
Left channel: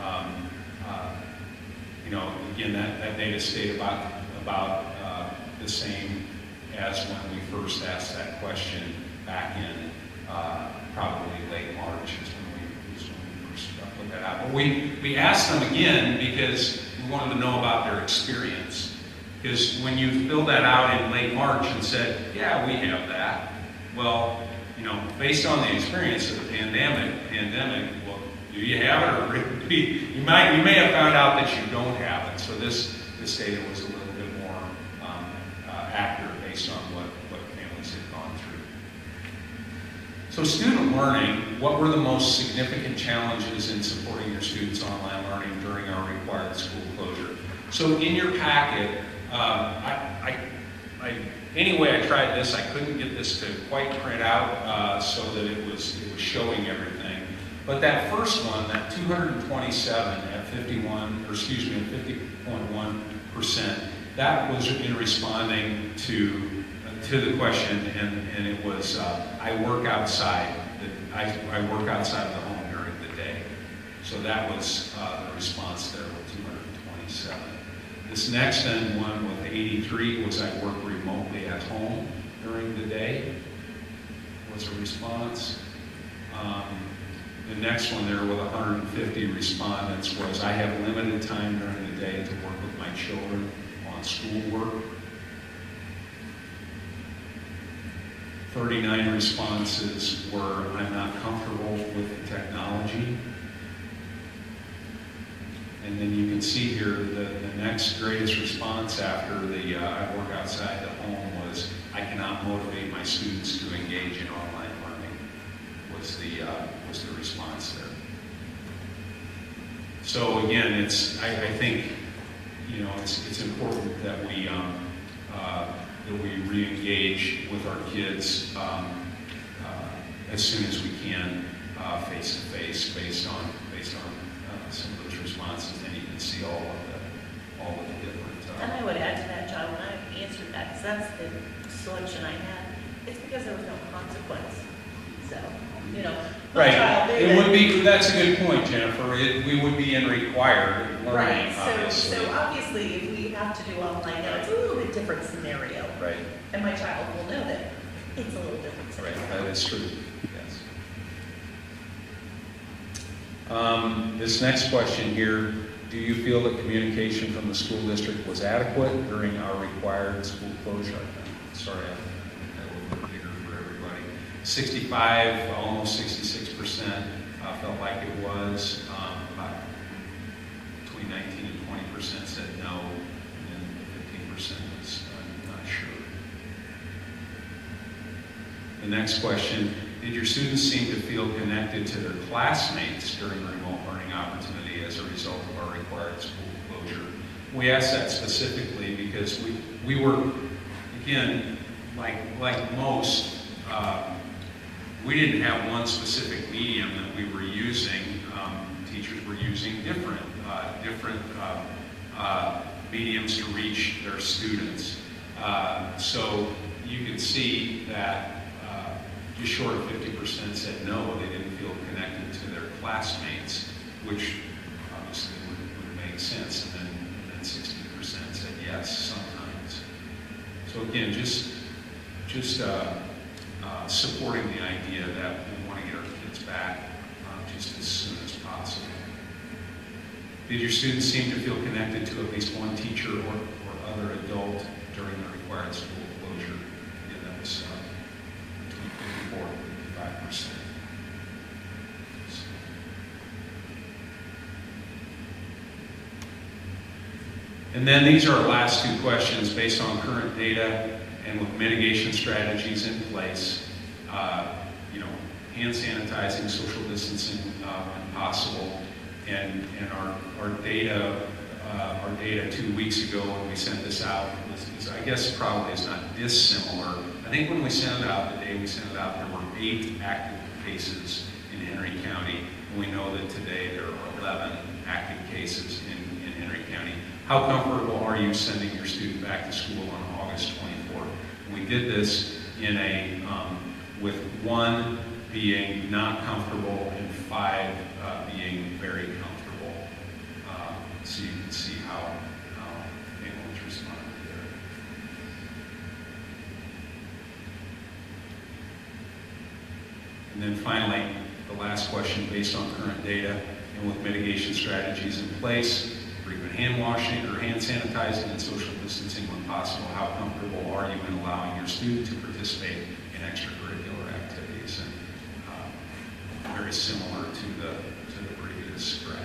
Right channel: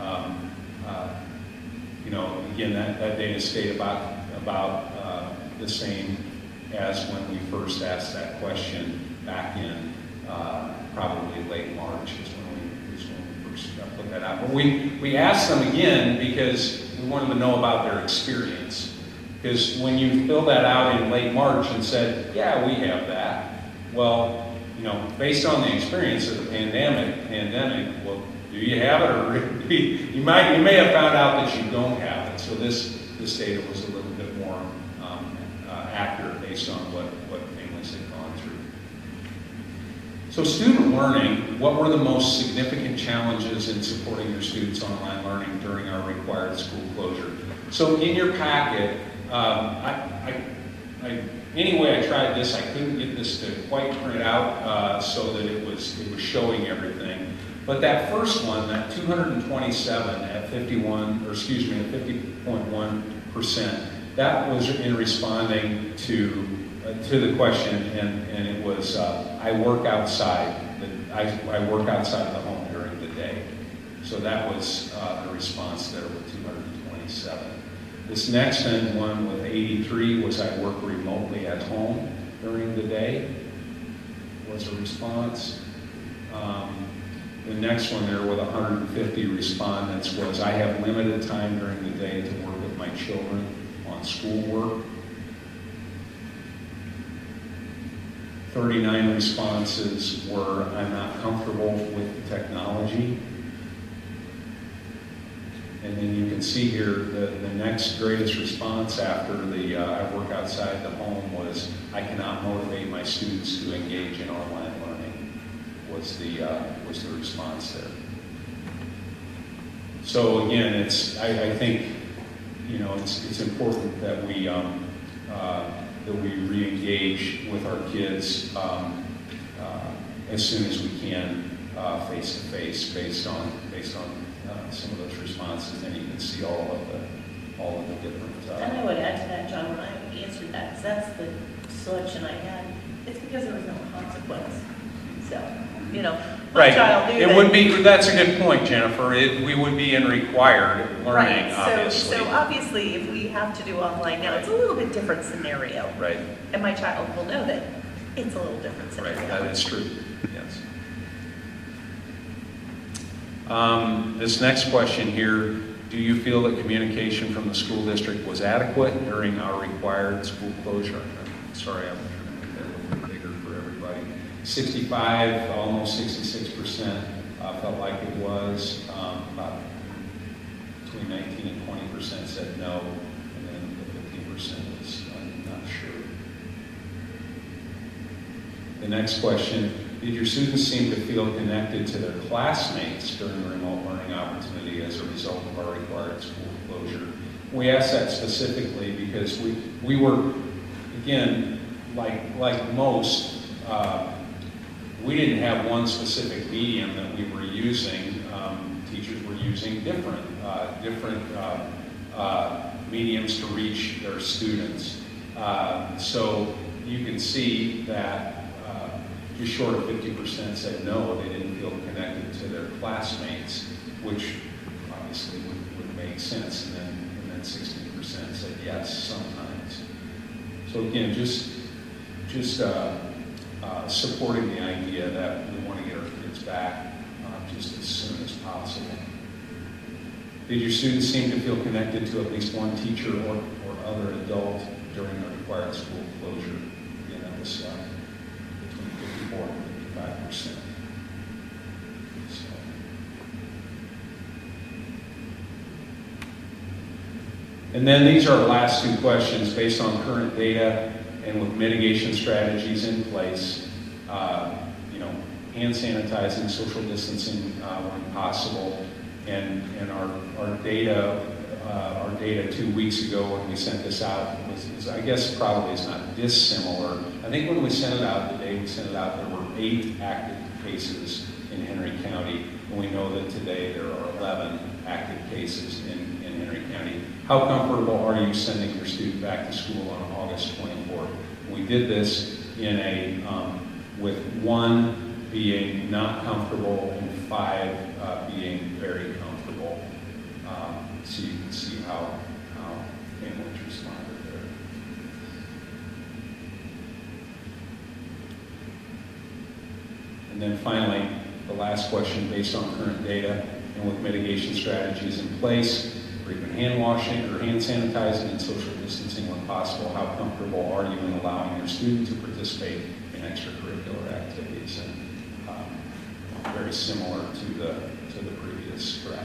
again, that data stayed about the same as when we first asked that question back in probably late March is when we first put that out. But we asked them again because we wanted to know about their experience. Because when you filled that out in late March and said, yeah, we have that, well, based on the experience of the pandemic, well, do you have it, or you may have found out that you don't have it. So this data was a little bit more accurate based on what families had gone through. So student learning, what were the most significant challenges in supporting your students' online learning during our required school closure? So in your packet, anyway I tried this, I couldn't get this to quite print out so that it was showing everything. But that first one, that 227 at 50.1%, that was in responding to the question, and it was I work outside. I work outside of the home during the day. So that was the response there with 227. This next one with 83 was I work remotely at home during the day, was a response. The next one there with 150 respondents was I have limited time during the day to work with my children on schoolwork. 39 responses were I'm not comfortable with the technology. And then you can see here the next greatest response after the I work outside the home was I cannot motivate my students to engage in online learning was the response there. So again, I think it's important that we re-engage with our kids as soon as we can, face to face, based on some of those responses. Then you can see all of the different. And I would add to that, John, when I answered that, because that's the selection I had, it's because there was no consequence. So, my Right. child, It would be. That's a good point, Jennifer. We would be in required learning. right. Obviously. So obviously, if we have to do online now, it's a little bit different scenario. Right. And my child will know that it's a little different scenario. Right. That is true. Yes. This next question here: do you feel that communication from the school district was adequate during our required school closure? Sorry, I'm making that a little bit bigger for everybody. 65, almost 66% felt like it was. About between 19 and 20% said no, and then the 15% was not sure. The next question: did your students seem to feel connected to their classmates during the remote learning opportunity as a result of our required school closure? We asked that specifically because we were, again, like most, we didn't have one specific medium that we were using. Teachers were using different mediums to reach their students. So you can see that just short of 50% said no, they didn't feel connected to their classmates, which obviously would make sense. And then 16% said yes, sometimes. So again, just supporting the idea that we want to get our kids back just as soon as possible. Did your students seem to feel connected to at least one teacher or other adult during the required school closure? Again, that was between 54 and 55%. So. And then these are our last two questions. Based on current data and with mitigation strategies in place, hand sanitizing, social distancing when possible, and our data 2 weeks ago when we sent this out is I guess probably is not dissimilar. I think when we sent it out, the day we sent it out, there were 8 active cases in Henry County, and we know that today there are 11 active cases in Henry County. How comfortable are you sending your student back to school on August 24th? We did this in with 1 being not comfortable and 5 being very comfortable. So you can see how families responded there. And then finally, the last question: based on current data and with mitigation strategies in place, frequent hand washing or hand sanitizing and social distancing when possible, how comfortable are you in allowing your student to participate in extracurricular activities? And very similar to the the previous draft.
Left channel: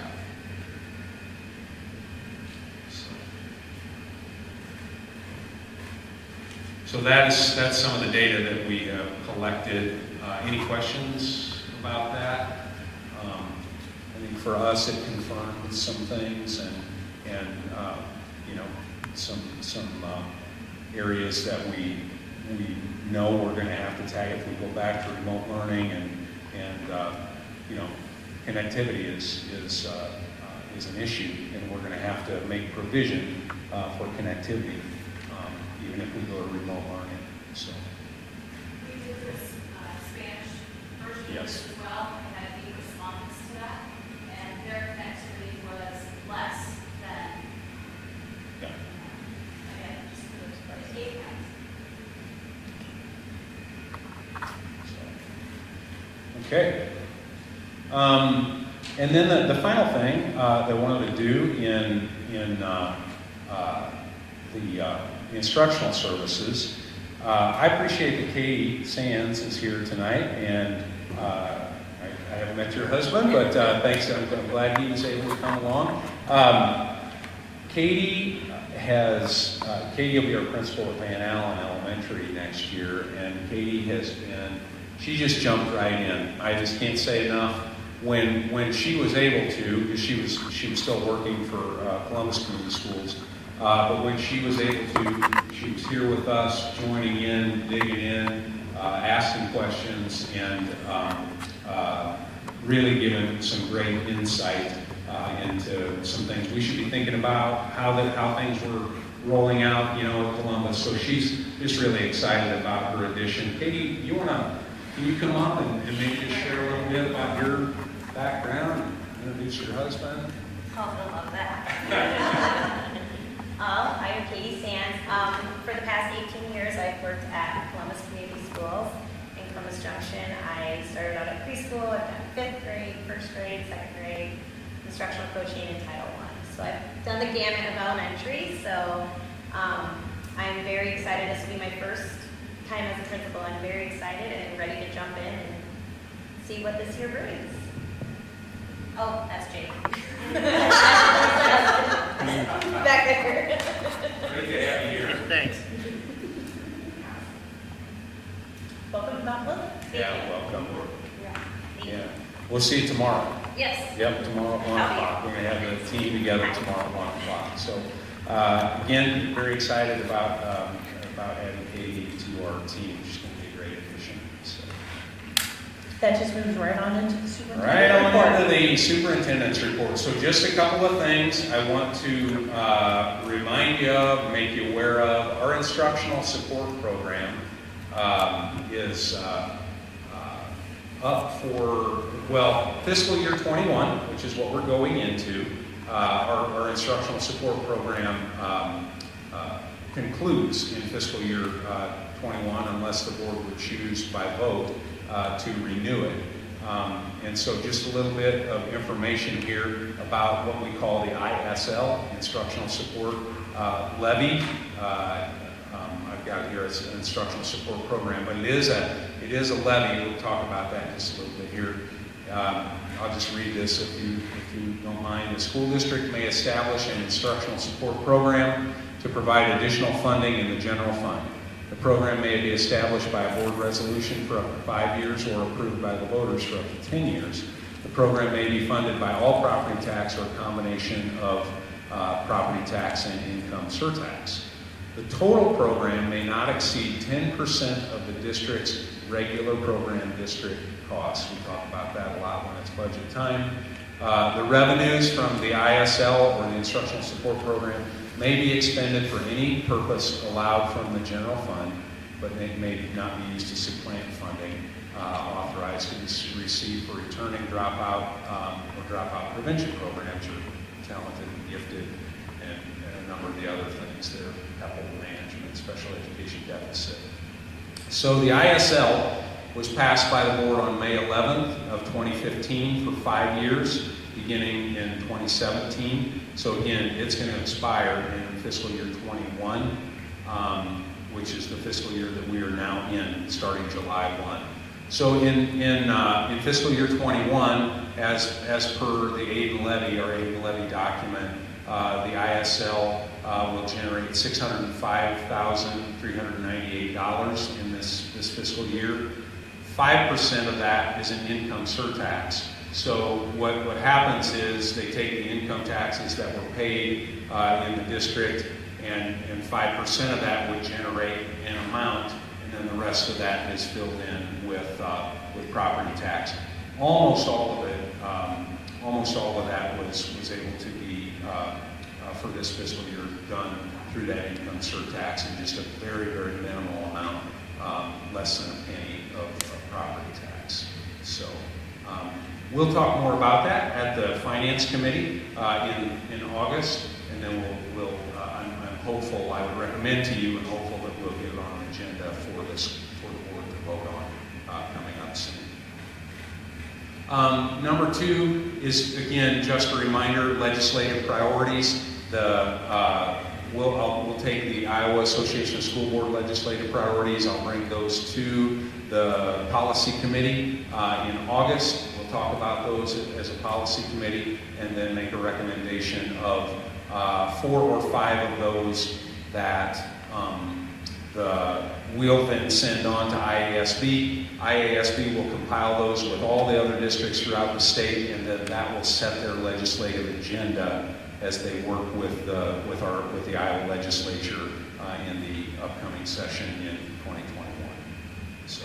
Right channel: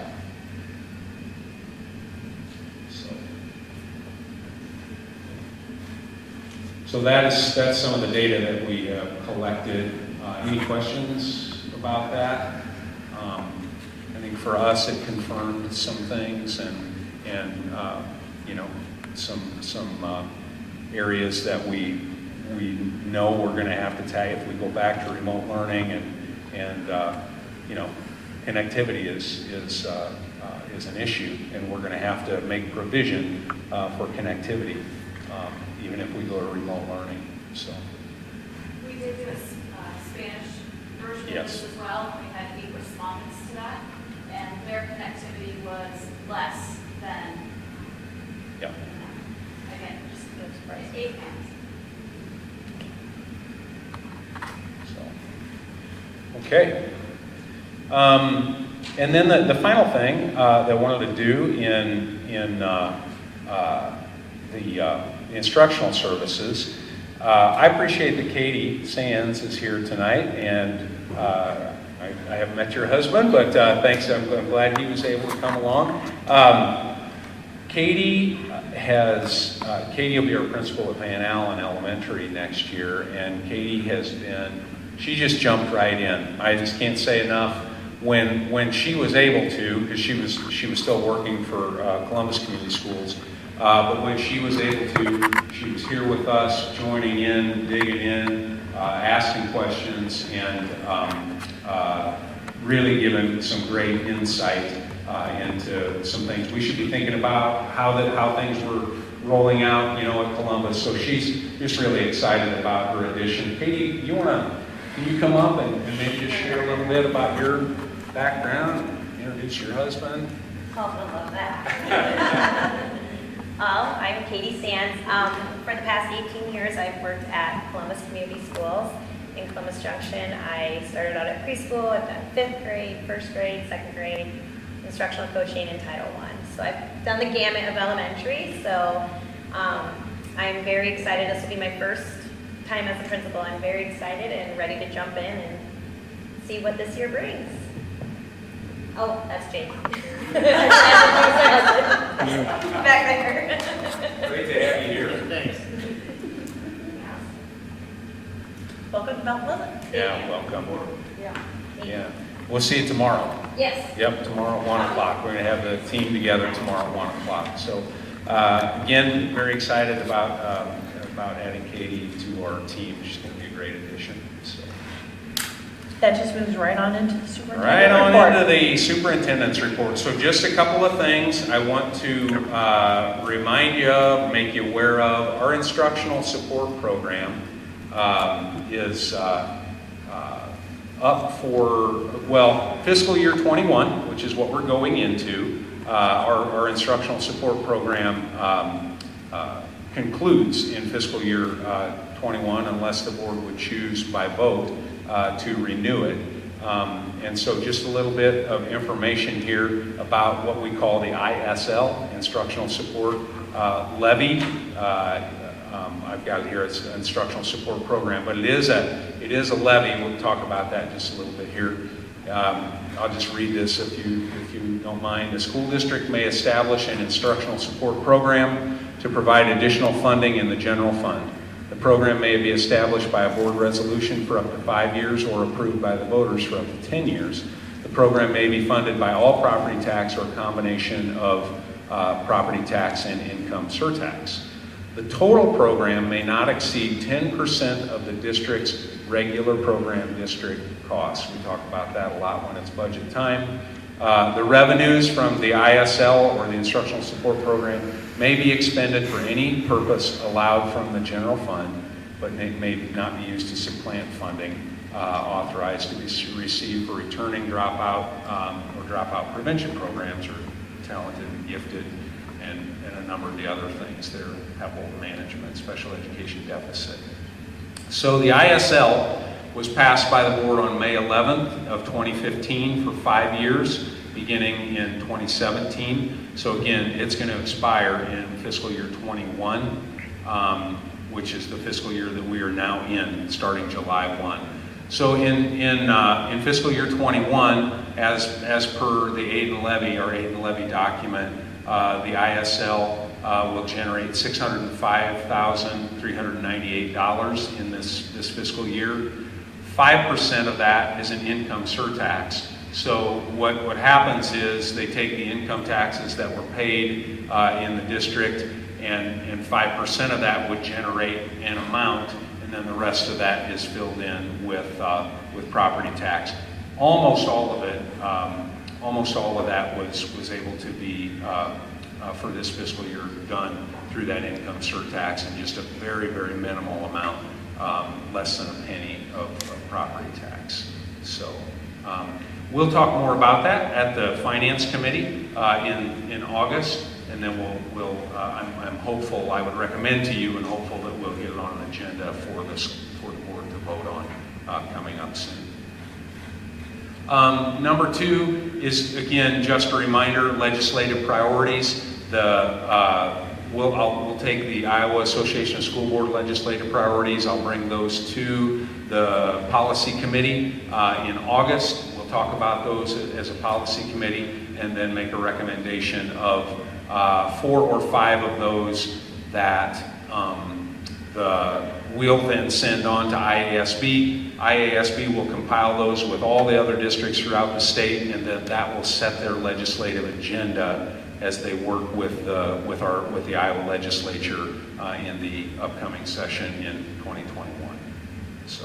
So that's some of the data that we have collected. Any questions about that? I mean, for us, it confirmed some things and some areas that we know we're going to have to tag if we go back to remote learning and connectivity is an issue, and we're going to have to make provision for connectivity even if we go to remote learning. So We did do a Spanish version of Yes. this as well. We had 8 respondents to that, and their connectivity was less than, yeah. again, just 8 pounds. Okay. And then the final thing that I wanted to do in the instructional services, I appreciate that Katie Sands is here tonight, and I haven't met your husband, but thanks. I'm glad he was able to come along. Katie will be our principal at Van Allen Elementary next year, and she just jumped right in. I just can't say enough. When she was able to, because she was still working for Columbus Community Schools, but when she was able to, she was here with us, joining in, digging in, asking questions, and really giving some great insight into some things we should be thinking about, how things were rolling out, at Columbus. So she's just really excited about her addition. Katie, can you come up and maybe just share a little bit about your background, introduce your husband? Oh, I love that. I'm Katie Sands. For the past 18 years, I've worked at Columbus Community Schools in Columbus Junction. I started out at preschool, I've done 5th grade, 1st grade, 2nd grade, instructional coaching, and Title I. So I've done the gamut of elementary, so I'm very excited. This will be my first time as a principal. I'm very excited and ready to jump in and see what this year brings. Oh, that's Jake. Back there. Great to have you here. Thanks. Welcome to Mount Pleasant. Yeah, welcome. Thank you. Yeah. We'll see you tomorrow. Yes. Yep, tomorrow at 1 o'clock. We're going to have the team together tomorrow at 1 o'clock. So, again, very excited about adding Katie to our team. She's going to be a great addition. So. That just moves right on into the superintendent Right on report. into the superintendent's report. So just a couple of things I want to remind you of, make you aware of. Our instructional support program is up for, fiscal year 21, which is what we're going into. Our instructional support program concludes in fiscal year 21 unless the board would choose by vote to renew it. And so just a little bit of information here about what we call the ISL, Instructional Support Levy. I've got it here, it's an instructional support program, but it is a levy. We'll talk about that just a little bit here. I'll just read this if you don't mind. The school district may establish an instructional support program to provide additional funding in the general fund. The program may be established by a board resolution for up to 5 years or approved by the voters for up to 10 years. The program may be funded by all property tax or a combination of property tax and income surtax. The total program may not exceed 10% of the district's regular program district costs. We talk about that a lot when it's budget time. The revenues from the ISL or the instructional support program may be expended for any purpose allowed from the general fund, but they may not be used to supplant funding authorized to be received for returning dropout or dropout prevention programs or talented and gifted and a number of the other things there, capital management, special education deficit. So the ISL was passed by the board on May 11th of 2015 for 5 years, beginning in 2017. So again, it's going to expire in fiscal year 21, which is the fiscal year that we are now in, starting July 1. So in fiscal year 21, as per the aid and levy, our aid and levy document, the ISL will generate $605,398 in this fiscal year. 5% of that is an income surtax. So what happens is they take the income taxes that were paid in the district, and 5% of that would generate an amount, and then the rest of that is filled in with property tax. Almost all of that was able to be for this fiscal year done through that income surtax, and just a very, very minimal amount, less than a penny of property tax. So we'll talk more about that at the Finance Committee in August, and then I'm hopeful, I would recommend to you, and hopeful that we'll get it on the agenda for the board to vote on coming up soon. Number 2 is, again, just a reminder, legislative priorities. We'll take the Iowa Association of School Board legislative priorities. I'll bring those to the policy committee in August. We'll talk about those as a policy committee, and then make a recommendation of 4 or 5 of those that we'll then send on to IASB. IASB will compile those with all the other districts throughout the state, and then that will set their legislative agenda as they work with the Iowa legislature in the upcoming session in 2021.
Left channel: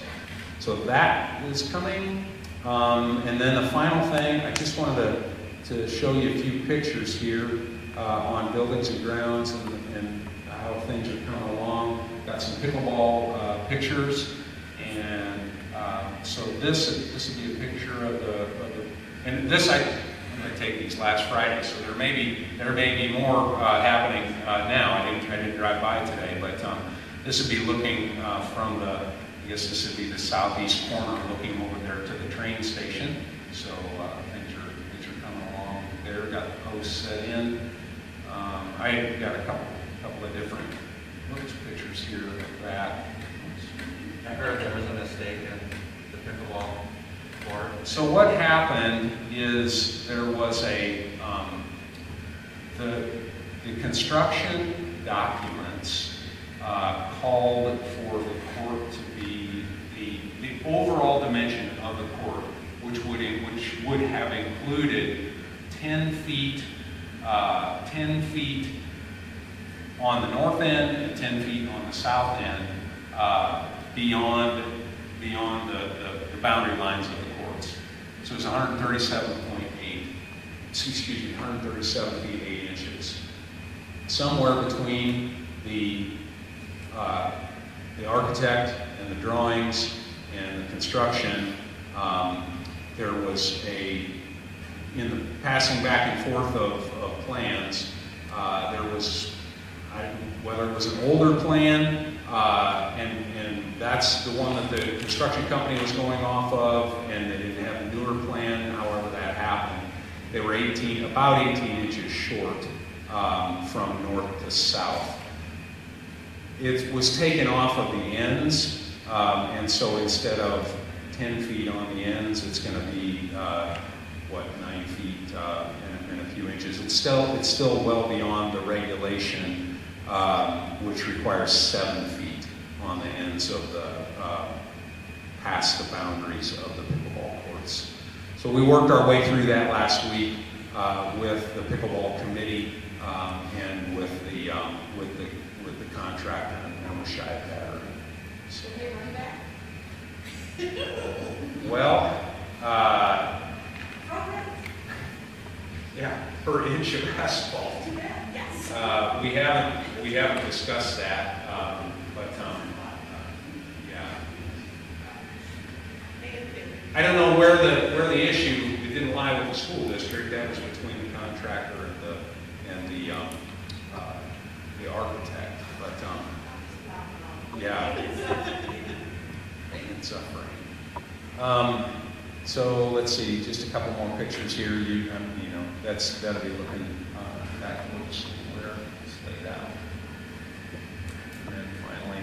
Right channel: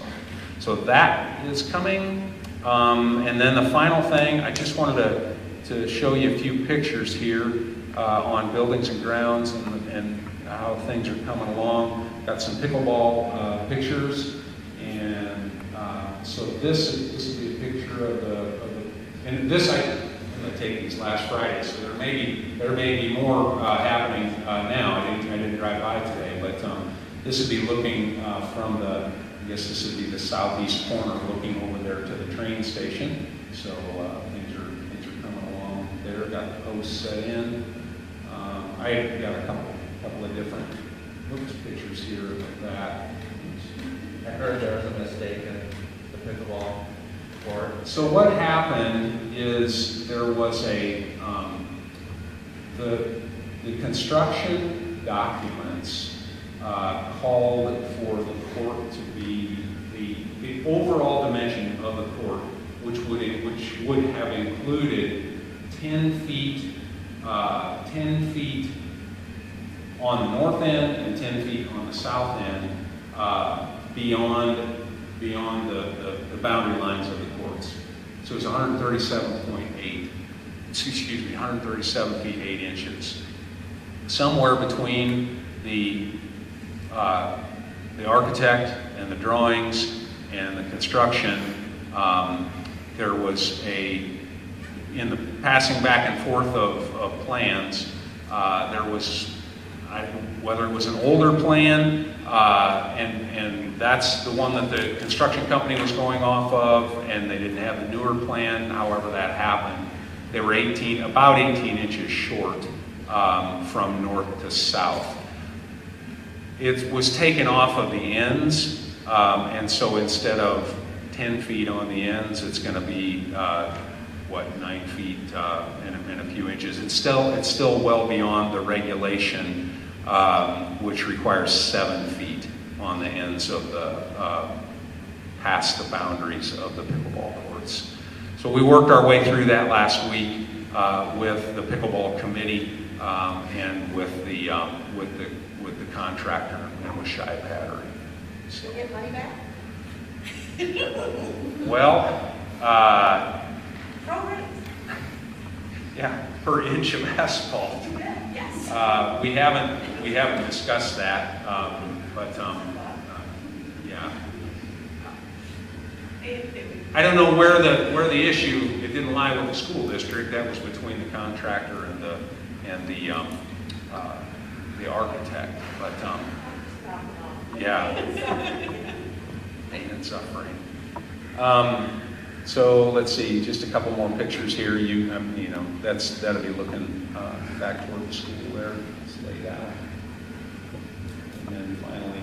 So that is coming. And then the final thing, I just wanted to show you a few pictures here on buildings and grounds and how things are coming along. Got some pickleball pictures, and so this would be a picture of the and this I'm going to take these last Friday, so there may be more happening now. I didn't drive by today, but this would be looking from I guess this would be the southeast corner, looking over there to the train station. So things are coming along there. Got the posts set in. I got a couple of different pictures here of that. I heard there was a mistake in the pickleball court. So what happened is there was the construction documents called for the court to be the overall dimension of the court, which would have included 10 feet on the north end and 10 feet on the south end, beyond the boundary lines of the courts. So it's 137 feet 8 inches. Somewhere between the architect and the drawings and the construction, there was in the passing back and forth of plans, there was, whether it was an older plan, and that's the one that the construction company was going off of, and they didn't have the newer plan. However that happened, they were about 18 inches short from north to south. It was taken off of the ends, and so instead of 10 feet on the ends, it's going to be 9 feet and a few inches. It's still well beyond the regulation, which requires 7 feet on the ends of past the boundaries of the pickleball courts. So we worked our way through that last week with the pickleball committee and with the contractor on the Shy Battery. So, Get money back? well, Right. yeah, per inch of asphalt. Yes. We haven't discussed that, but yeah. I don't know where the issue. It didn't lie with the school district. That was between the contractor and the architect. But yeah, pain and suffering. So let's see, just a couple more pictures here. That'll be looking back toward the school there. It's laid out, and then finally,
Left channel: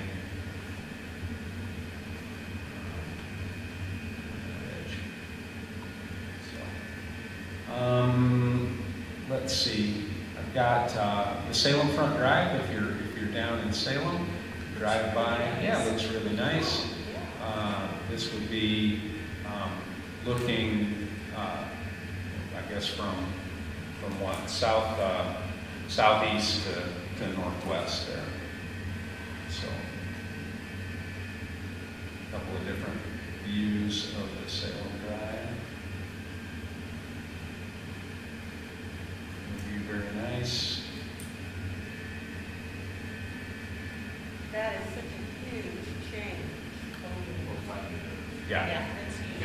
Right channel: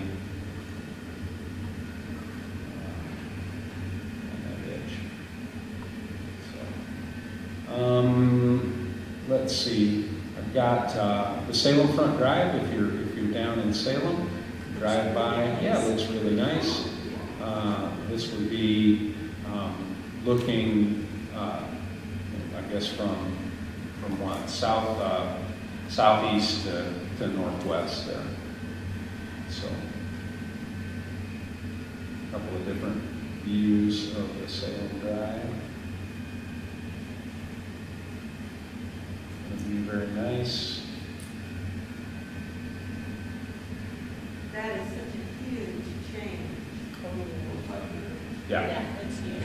let's see. I've got the Salem Front Drive. If you're down in Salem, drive by. Yeah, it looks really nice. This would be looking, I guess from what southeast to northwest there. So, a couple of different views of the Salem Drive. It'll be very nice. That is such a huge change. Yeah. It's huge.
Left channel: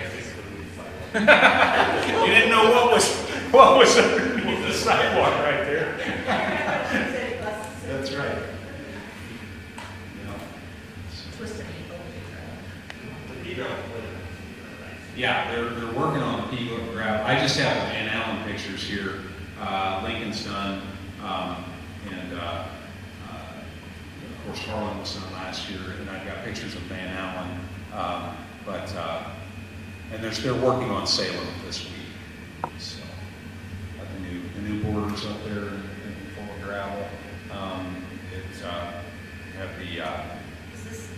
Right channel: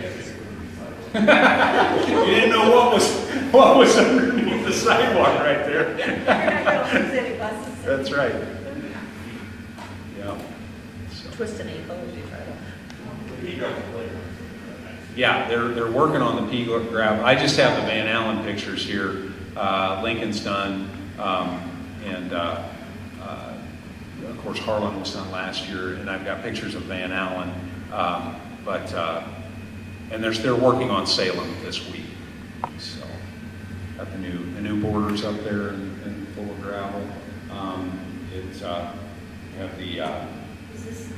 You didn't know what was underneath the sidewalk right there. City buses. That's right. Yeah. So, Twist an ankle as you try to. yeah, they're working on the pea gravel. I just have the Van Allen pictures here. Lincoln's done, and of course Harlan was done last year, and I've got pictures of Van Allen. And they're working on Salem this week. So got the new borders up there and full of gravel. Have the Is this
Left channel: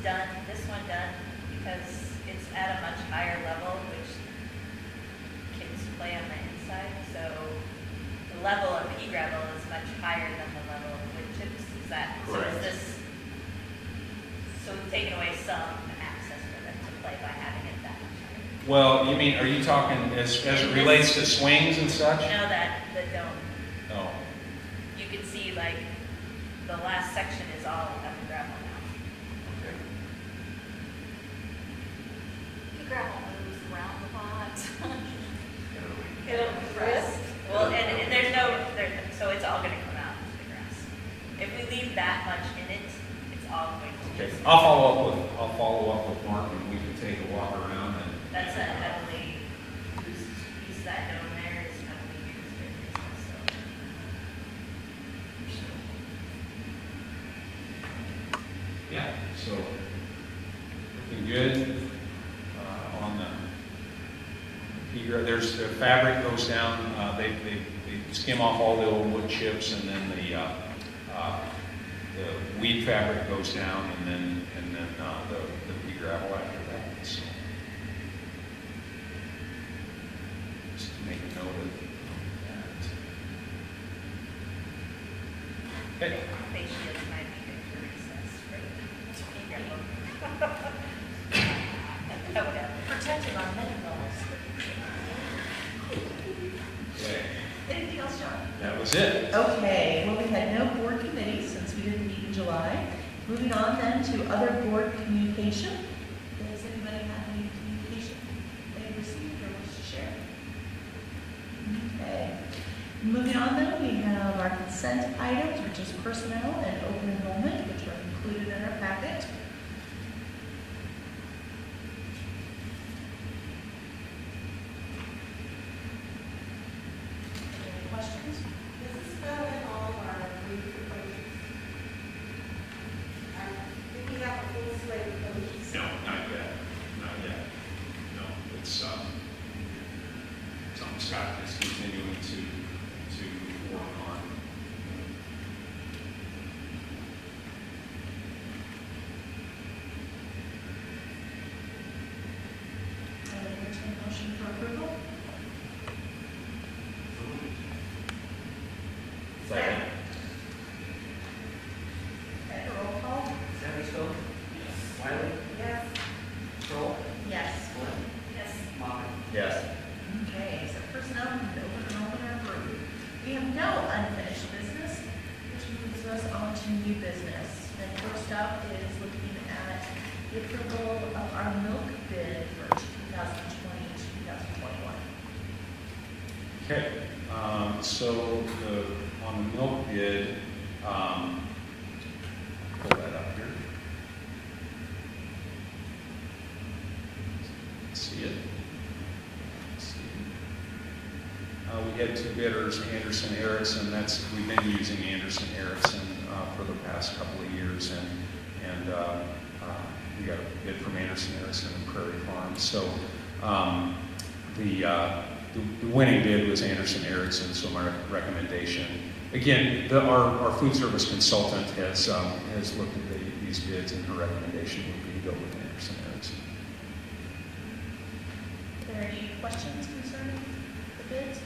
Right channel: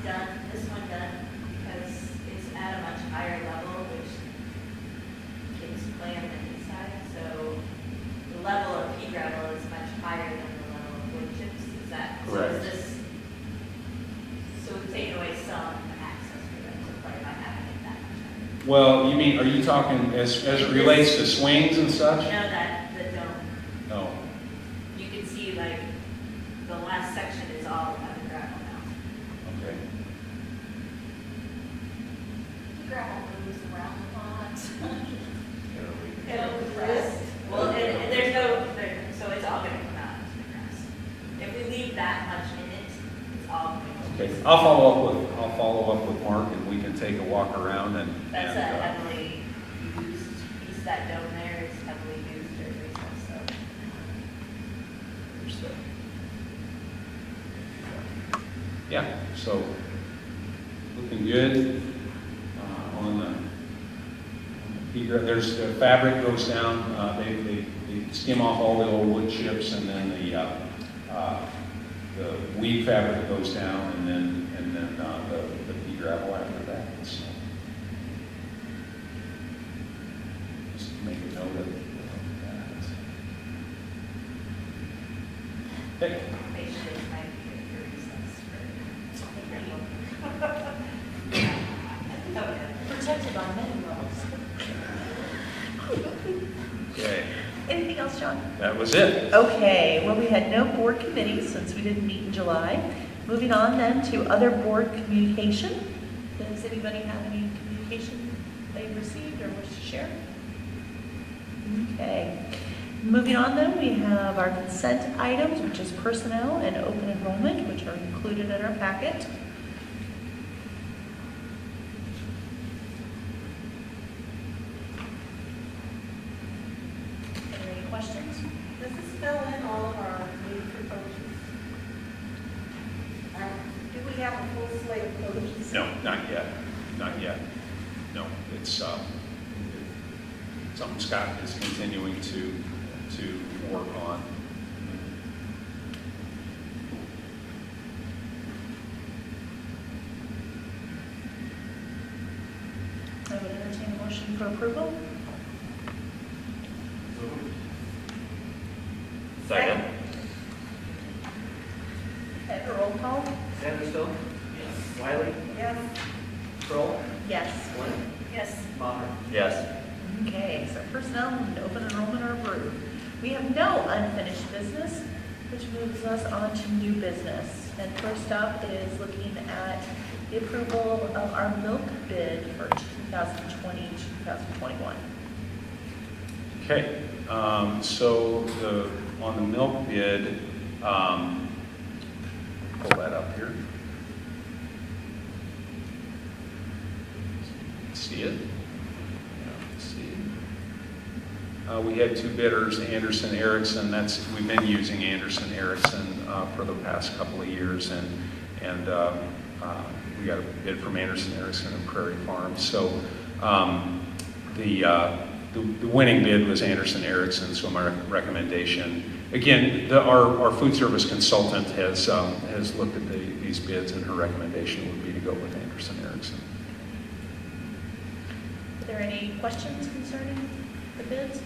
one done? Because it's at a much higher level, which kids play on the inside. So the level of pea gravel is much higher than the level of wood chips. Is that correct? So we've taken away some access for them to play by having it that much higher. Well, are you talking as it relates to swings and such? No, that the dome. Oh, You can see like the last section is all heavy gravel now. okay. The gravel moves around the pond. Well, and there's so it's all going to come out into the grass. If we leave that much in it, it's all going to. Okay, I'll follow up with Mark, and we can take a walk around and. That's a heavily used piece. That dome there is heavily used during recess. So Yeah, so looking good on the pea gravel. There's the fabric goes down. They skim off all the old wood chips, and then the weed fabric goes down, and then the pea gravel after that. So just to make a note of that. Okay. patience might be good for recess for Protected on many levels. Okay. Anything else, John? That was it. Okay, well, we had no board committees since we didn't meet in July. Moving on then to other board communication. Does anybody have any communication they received or wish to share? Okay. Moving on then, we have our consent items, which is personnel and open enrollment, which are included in our packet. Any questions? Does this fill in all of our new coaches? Do we have a full slate of coaches? No, not yet. Not yet. No, it's something Scott is continuing to work on. I would entertain a motion for approval. Second. Okay, roll call. Sanderson? Yes. Wiley? Yes. Kroll? Yes. Glenn? Yes. Maher? Yes. Okay, so personnel and open enrollment are approved. We have no unfinished business, which moves us on to new business. And first up is looking at the approval of our milk bid for 2020-2021. Okay, so on the milk bid, pull that up here. See it? We had two bidders, Anderson Erickson. We've been using Anderson Erickson for the past couple of years, and we got a bid from Anderson Erickson and Prairie Farm. So the the winning bid was Anderson Erickson, so my recommendation, again, our food service consultant has looked at these bids, and her recommendation would be to go with Anderson Erickson. Are there any questions concerning the bids?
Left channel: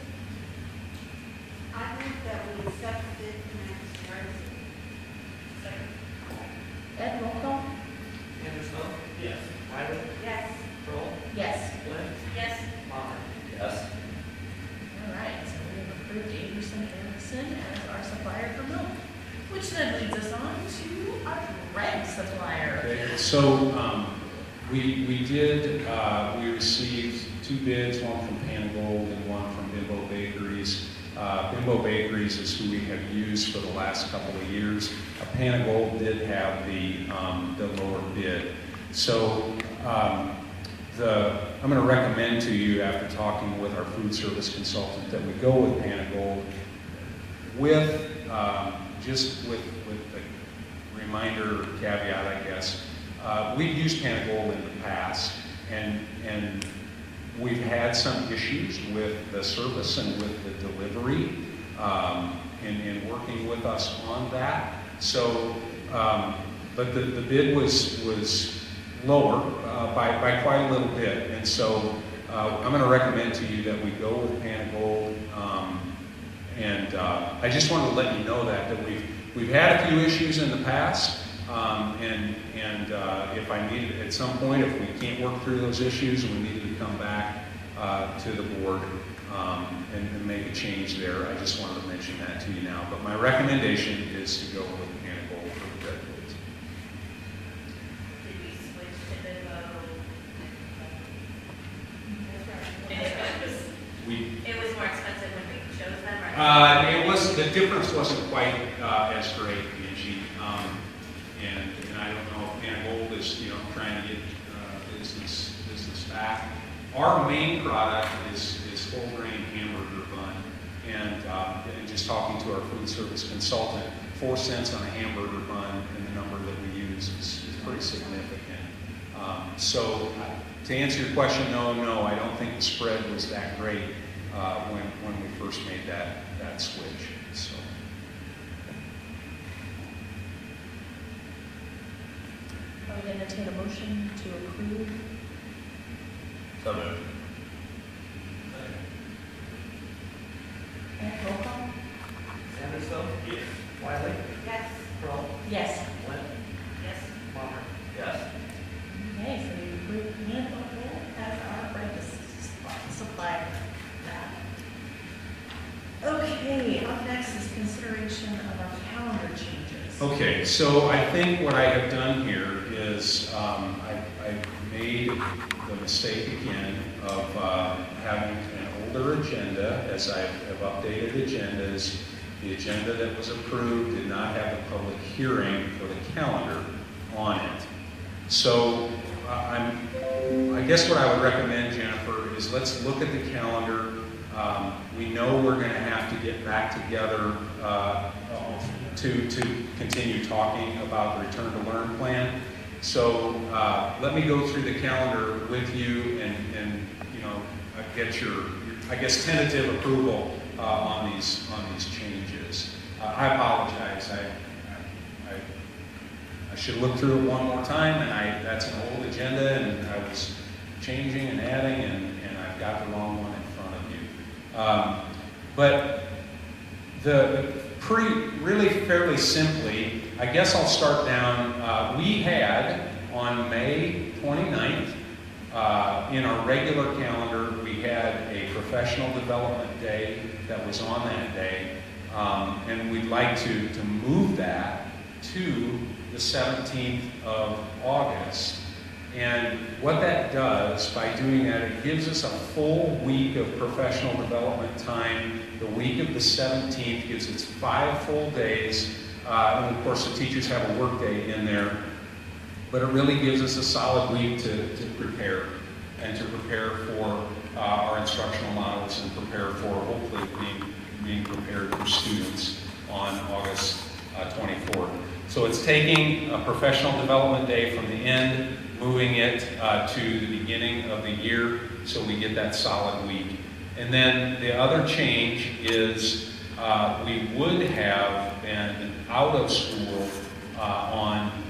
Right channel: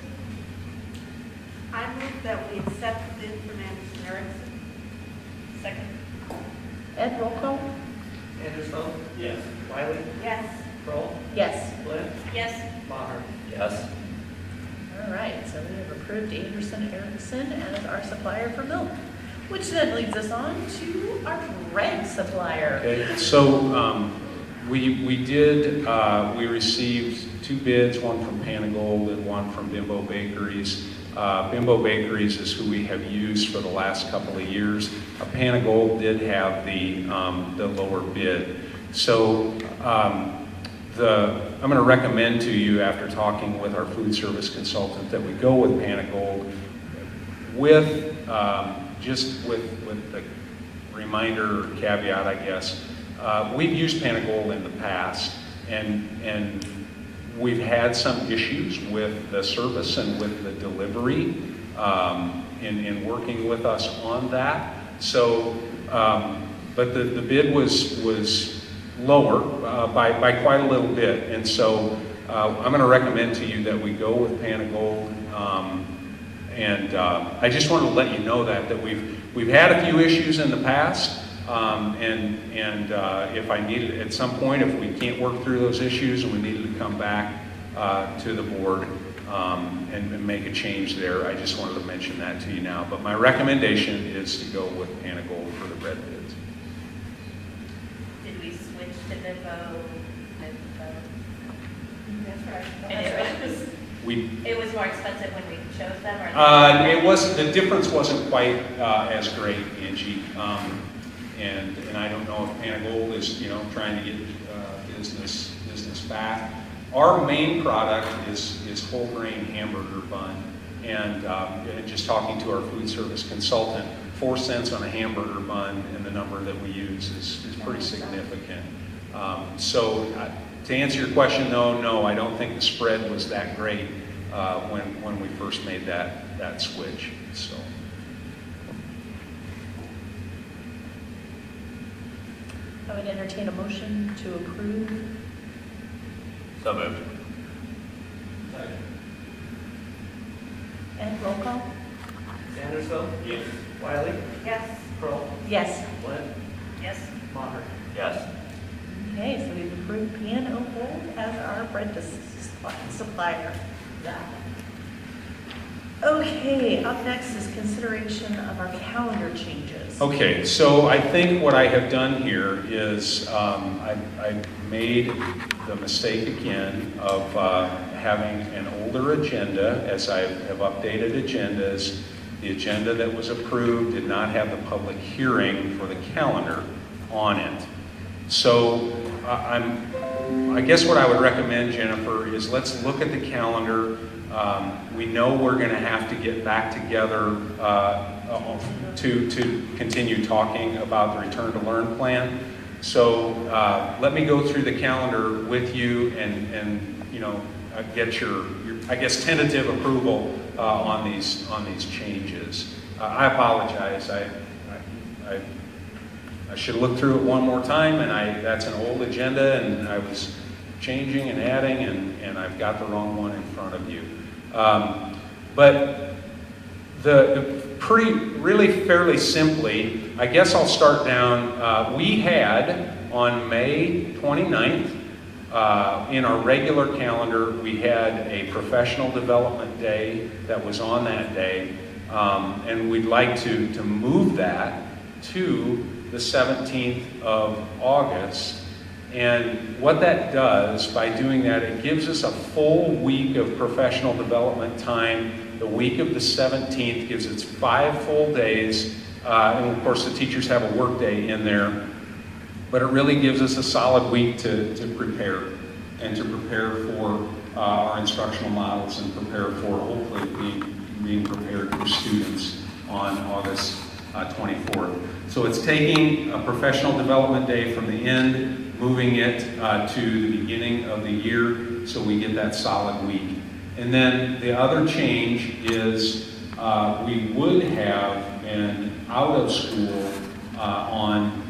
I move that we accept the bid from Anderson Erickson. Second. Ed, roll call? Anderson? Yes. Wiley? Yes. Kroll? Yes. Flynn? Yes. Maher? Yes. All right, so we have approved Anderson Erickson as our supplier for milk, which then leads us on to our bread supplier. Okay, so we received 2 bids, one from Panagold and one from Bimbo Bakeries. Bimbo Bakeries is who we have used for the last couple of years. Panagold did have the lower bid. So I'm going to recommend to you, after talking with our food service consultant, that we go with Panagold with just with the reminder or caveat, I guess. We've used Panagold in the past, and we've had some issues with the service and with the delivery in working with us on that. So, but the bid was lower by quite a little bit, and so I'm going to recommend to you that we go with Panagold. And I just want to let you know that we've had a few issues in the past, and if I needed at some point, if we can't work through those issues and we needed to come back to the board and make a change there, I just wanted to mention that to you now. But my recommendation is to go with Panagold for the bread bids. Did we switch to Bimbo? That's right. And it was more expensive when we chose them, or? The difference wasn't quite as great, Angie. And I don't know if Panagold is trying to get business back. Our main product is whole grain hamburger bun, and just talking to our food service consultant, 4 cents on a hamburger bun and the number that we use is pretty significant. So to answer your question, no, I don't think the spread was that great when we first made that switch. So. I would entertain a motion to approve. So moved. Ed, roll call? Anderson? Yes. Wiley? Yes. Kroll? Yes. Flynn? Yes. Maher? Yes. Okay, so we've approved Panagold as our bread supplier. Okay, up next is consideration of our calendar changes. Okay, so I think what I have done here is I made the mistake again of having an older agenda, as I have updated agendas. The agenda that was approved did not have the public hearing for the calendar on it. So I guess what I would recommend, Jennifer, is let's look at the calendar. We know we're going to have to get back together to continue talking about the Return to Learn plan. So let me go through the calendar with you and get your I guess tentative approval on these changes. I apologize. I should have looked through it one more time, and that's an old agenda, and I was changing and adding, and I've got the wrong one in front of you. But really fairly simply, I guess I'll start down. We had on May 29th, in our regular calendar, we had a professional development day that was on that day, and we'd like to move that to the 17th of August. And what that does, by doing that, it gives us a full week of professional development time. The week of the 17th gives us 5 full days, and of course the teachers have a work day in there. But it really gives us a solid week to prepare, and to prepare for our instructional models, and prepare for hopefully being prepared for students on August 24th. So it's taking a professional development day from the end, moving it to the beginning of the year, so we get that solid week. And then the other change is we would have been out of school on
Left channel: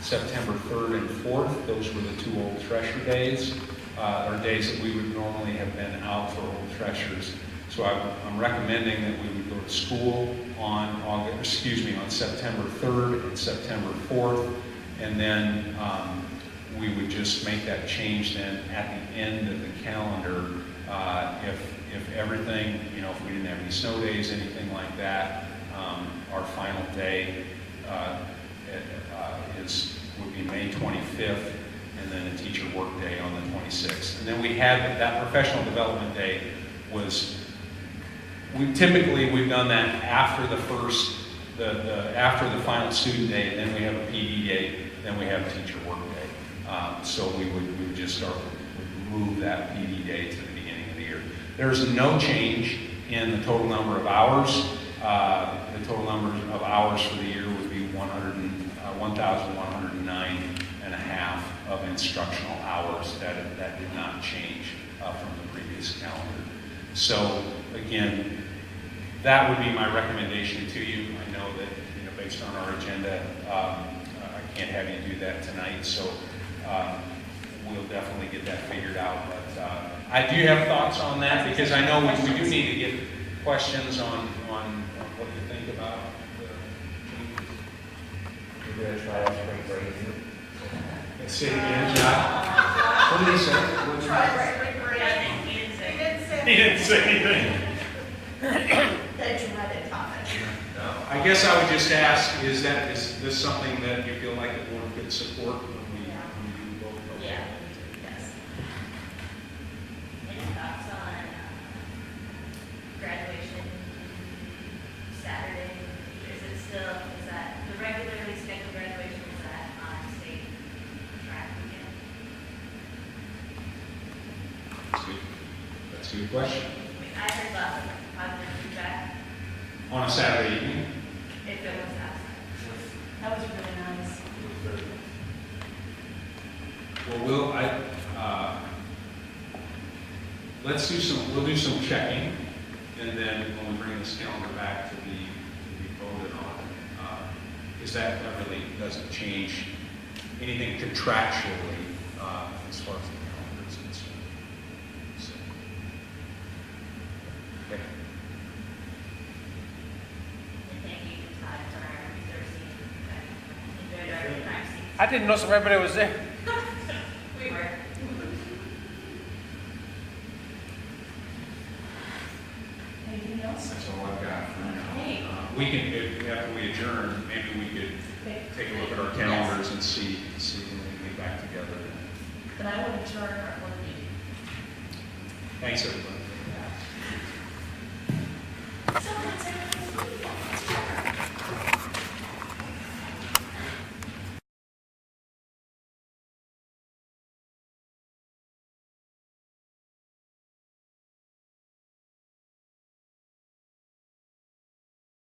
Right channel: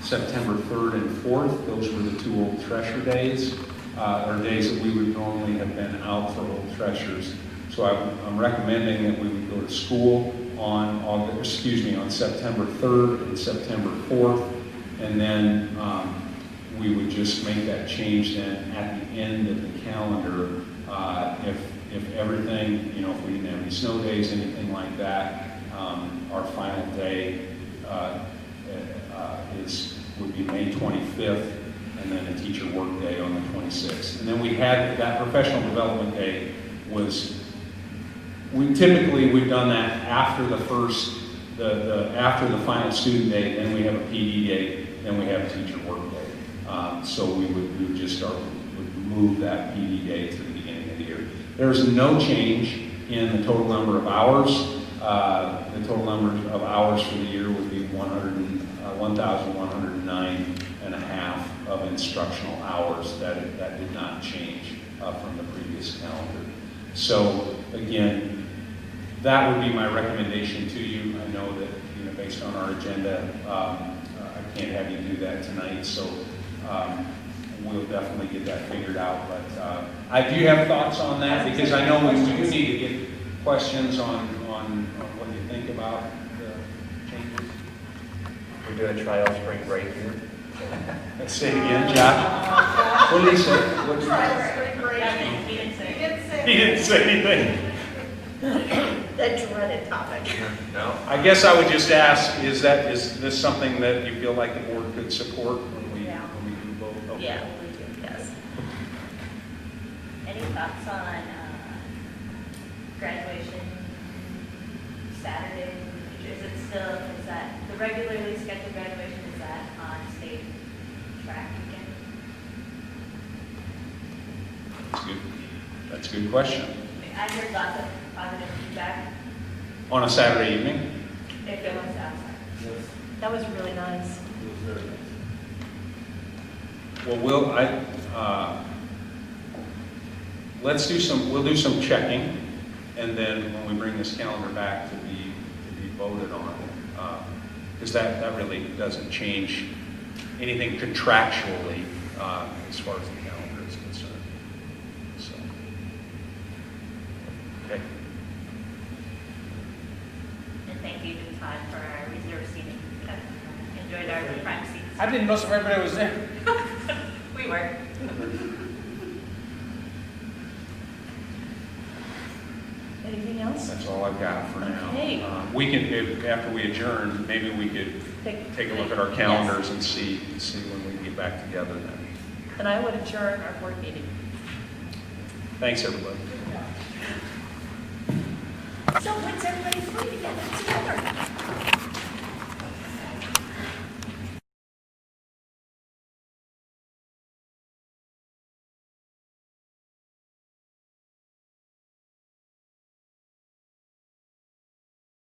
September 3rd and 4th. Those were the 2 Old Thresher days, or days that we would normally have been out for Old Threshers. So I'm recommending that we would go to school on September 3rd and September 4th, and then we would just make that change then at the end of the calendar. If everything, if we didn't have any snow days, anything like that, our final day would be May 25th, and then a teacher work day on the 26th. And then we had that professional development day we've done that after the first, after the final student day, then we have a PD day, then we have a teacher work day. So we would move that PD day to the beginning of the year. There's no change in the total number of hours. The total number of hours for the year would be 1,109 and a half of instructional hours. That did not change from the previous calendar. So again, that would be my recommendation to you. I know that based on our agenda, I can't have you do that tonight. So we'll definitely get that figured out. But I do have thoughts on that because I know we do need to get questions on what you think about the changes. We're doing trial spring break here. Let's say it again, Josh. What did he say? What did he say? He didn't say. He didn't say anything. That dreaded topic. No. I guess I would just ask, is this something that you feel like the board could support when we do both? Okay. Yeah, yes. Any thoughts on graduation Saturdays in the future? Is that the regularly scheduled graduation, is that on state track weekend? That's a good question. I mean, I heard lots of positive feedback On a Saturday evening? if it was outside. That was really nice. It was very nice. Well, we'll do some checking, and then when we bring this calendar back to be voted on, because that really doesn't change anything contractually as far as the calendar is concerned. So, okay. And thank you to Todd for our reserve seating. Enjoyed our prime seats. I didn't know everybody was there. We were. Anything else? That's all I've got for Okay. now. We can, after we adjourn, maybe we could take a look at our calendars and see when we get back together then. And I would adjourn our board meeting. Thanks, everybody. So, that's everybody's leaving.